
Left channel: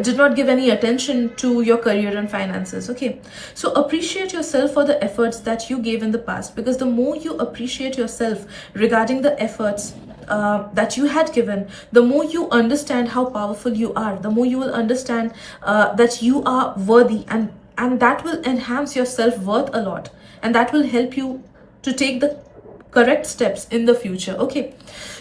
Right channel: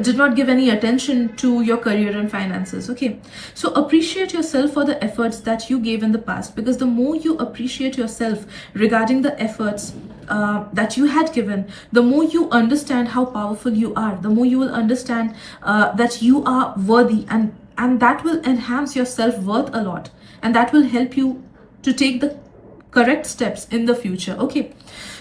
did not give any attention to your career and finances. Okay, so appreciate yourself for the efforts that you gave in the past, because the more you appreciate yourself regarding the efforts that you had given, the more you understand how powerful you are, the more you will understand that you are worthy, and that will enhance your self-worth a lot, and that will help you to take the correct steps in the future. Okay,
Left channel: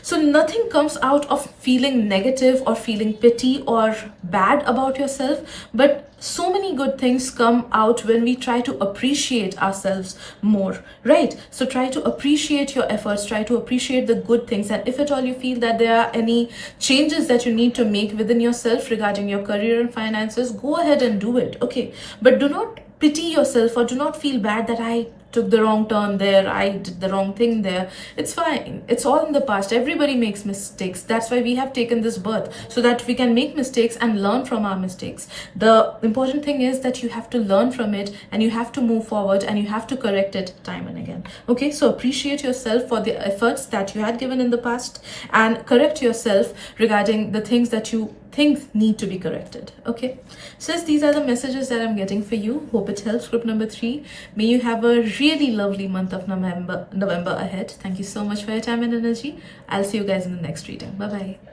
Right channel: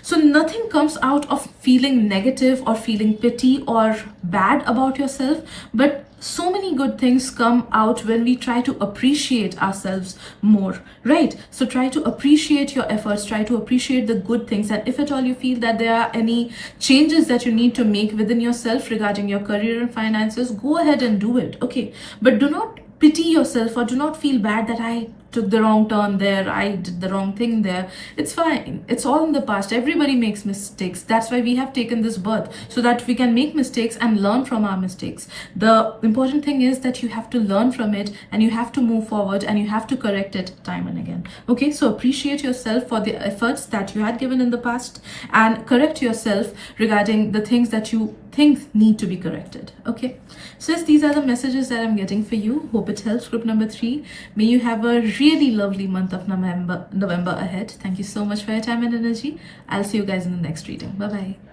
so nothing comes out of feeling negative or feeling pity or bad about yourself, but so many good things come out when we try to appreciate ourselves more, right? So try to appreciate your efforts, try to appreciate the good things, and if at all you feel that there are any changes that you need to make within yourself regarding your career and finances, go ahead and do it. Okay, but do not pity yourself or do not feel bad that I took the wrong turn there, I did the wrong thing there. It's fine, it's all in the past. Everybody makes mistakes. That's why we have taken this birth, so that we can make mistakes and learn from our mistakes. The important thing is that you have to learn from it and you have to move forward and you have to correct it time and again. Okay, so appreciate yourself for the efforts that you had given in the past and correct yourself regarding the things that you think need to be corrected. Okay, so yes, these are the messages that I'm getting for you. Hope it helps. Group number 3, may you have a really lovely month of November ahead. Thank you so much for your time and energy. I'll see you guys in the next reading. Bye bye.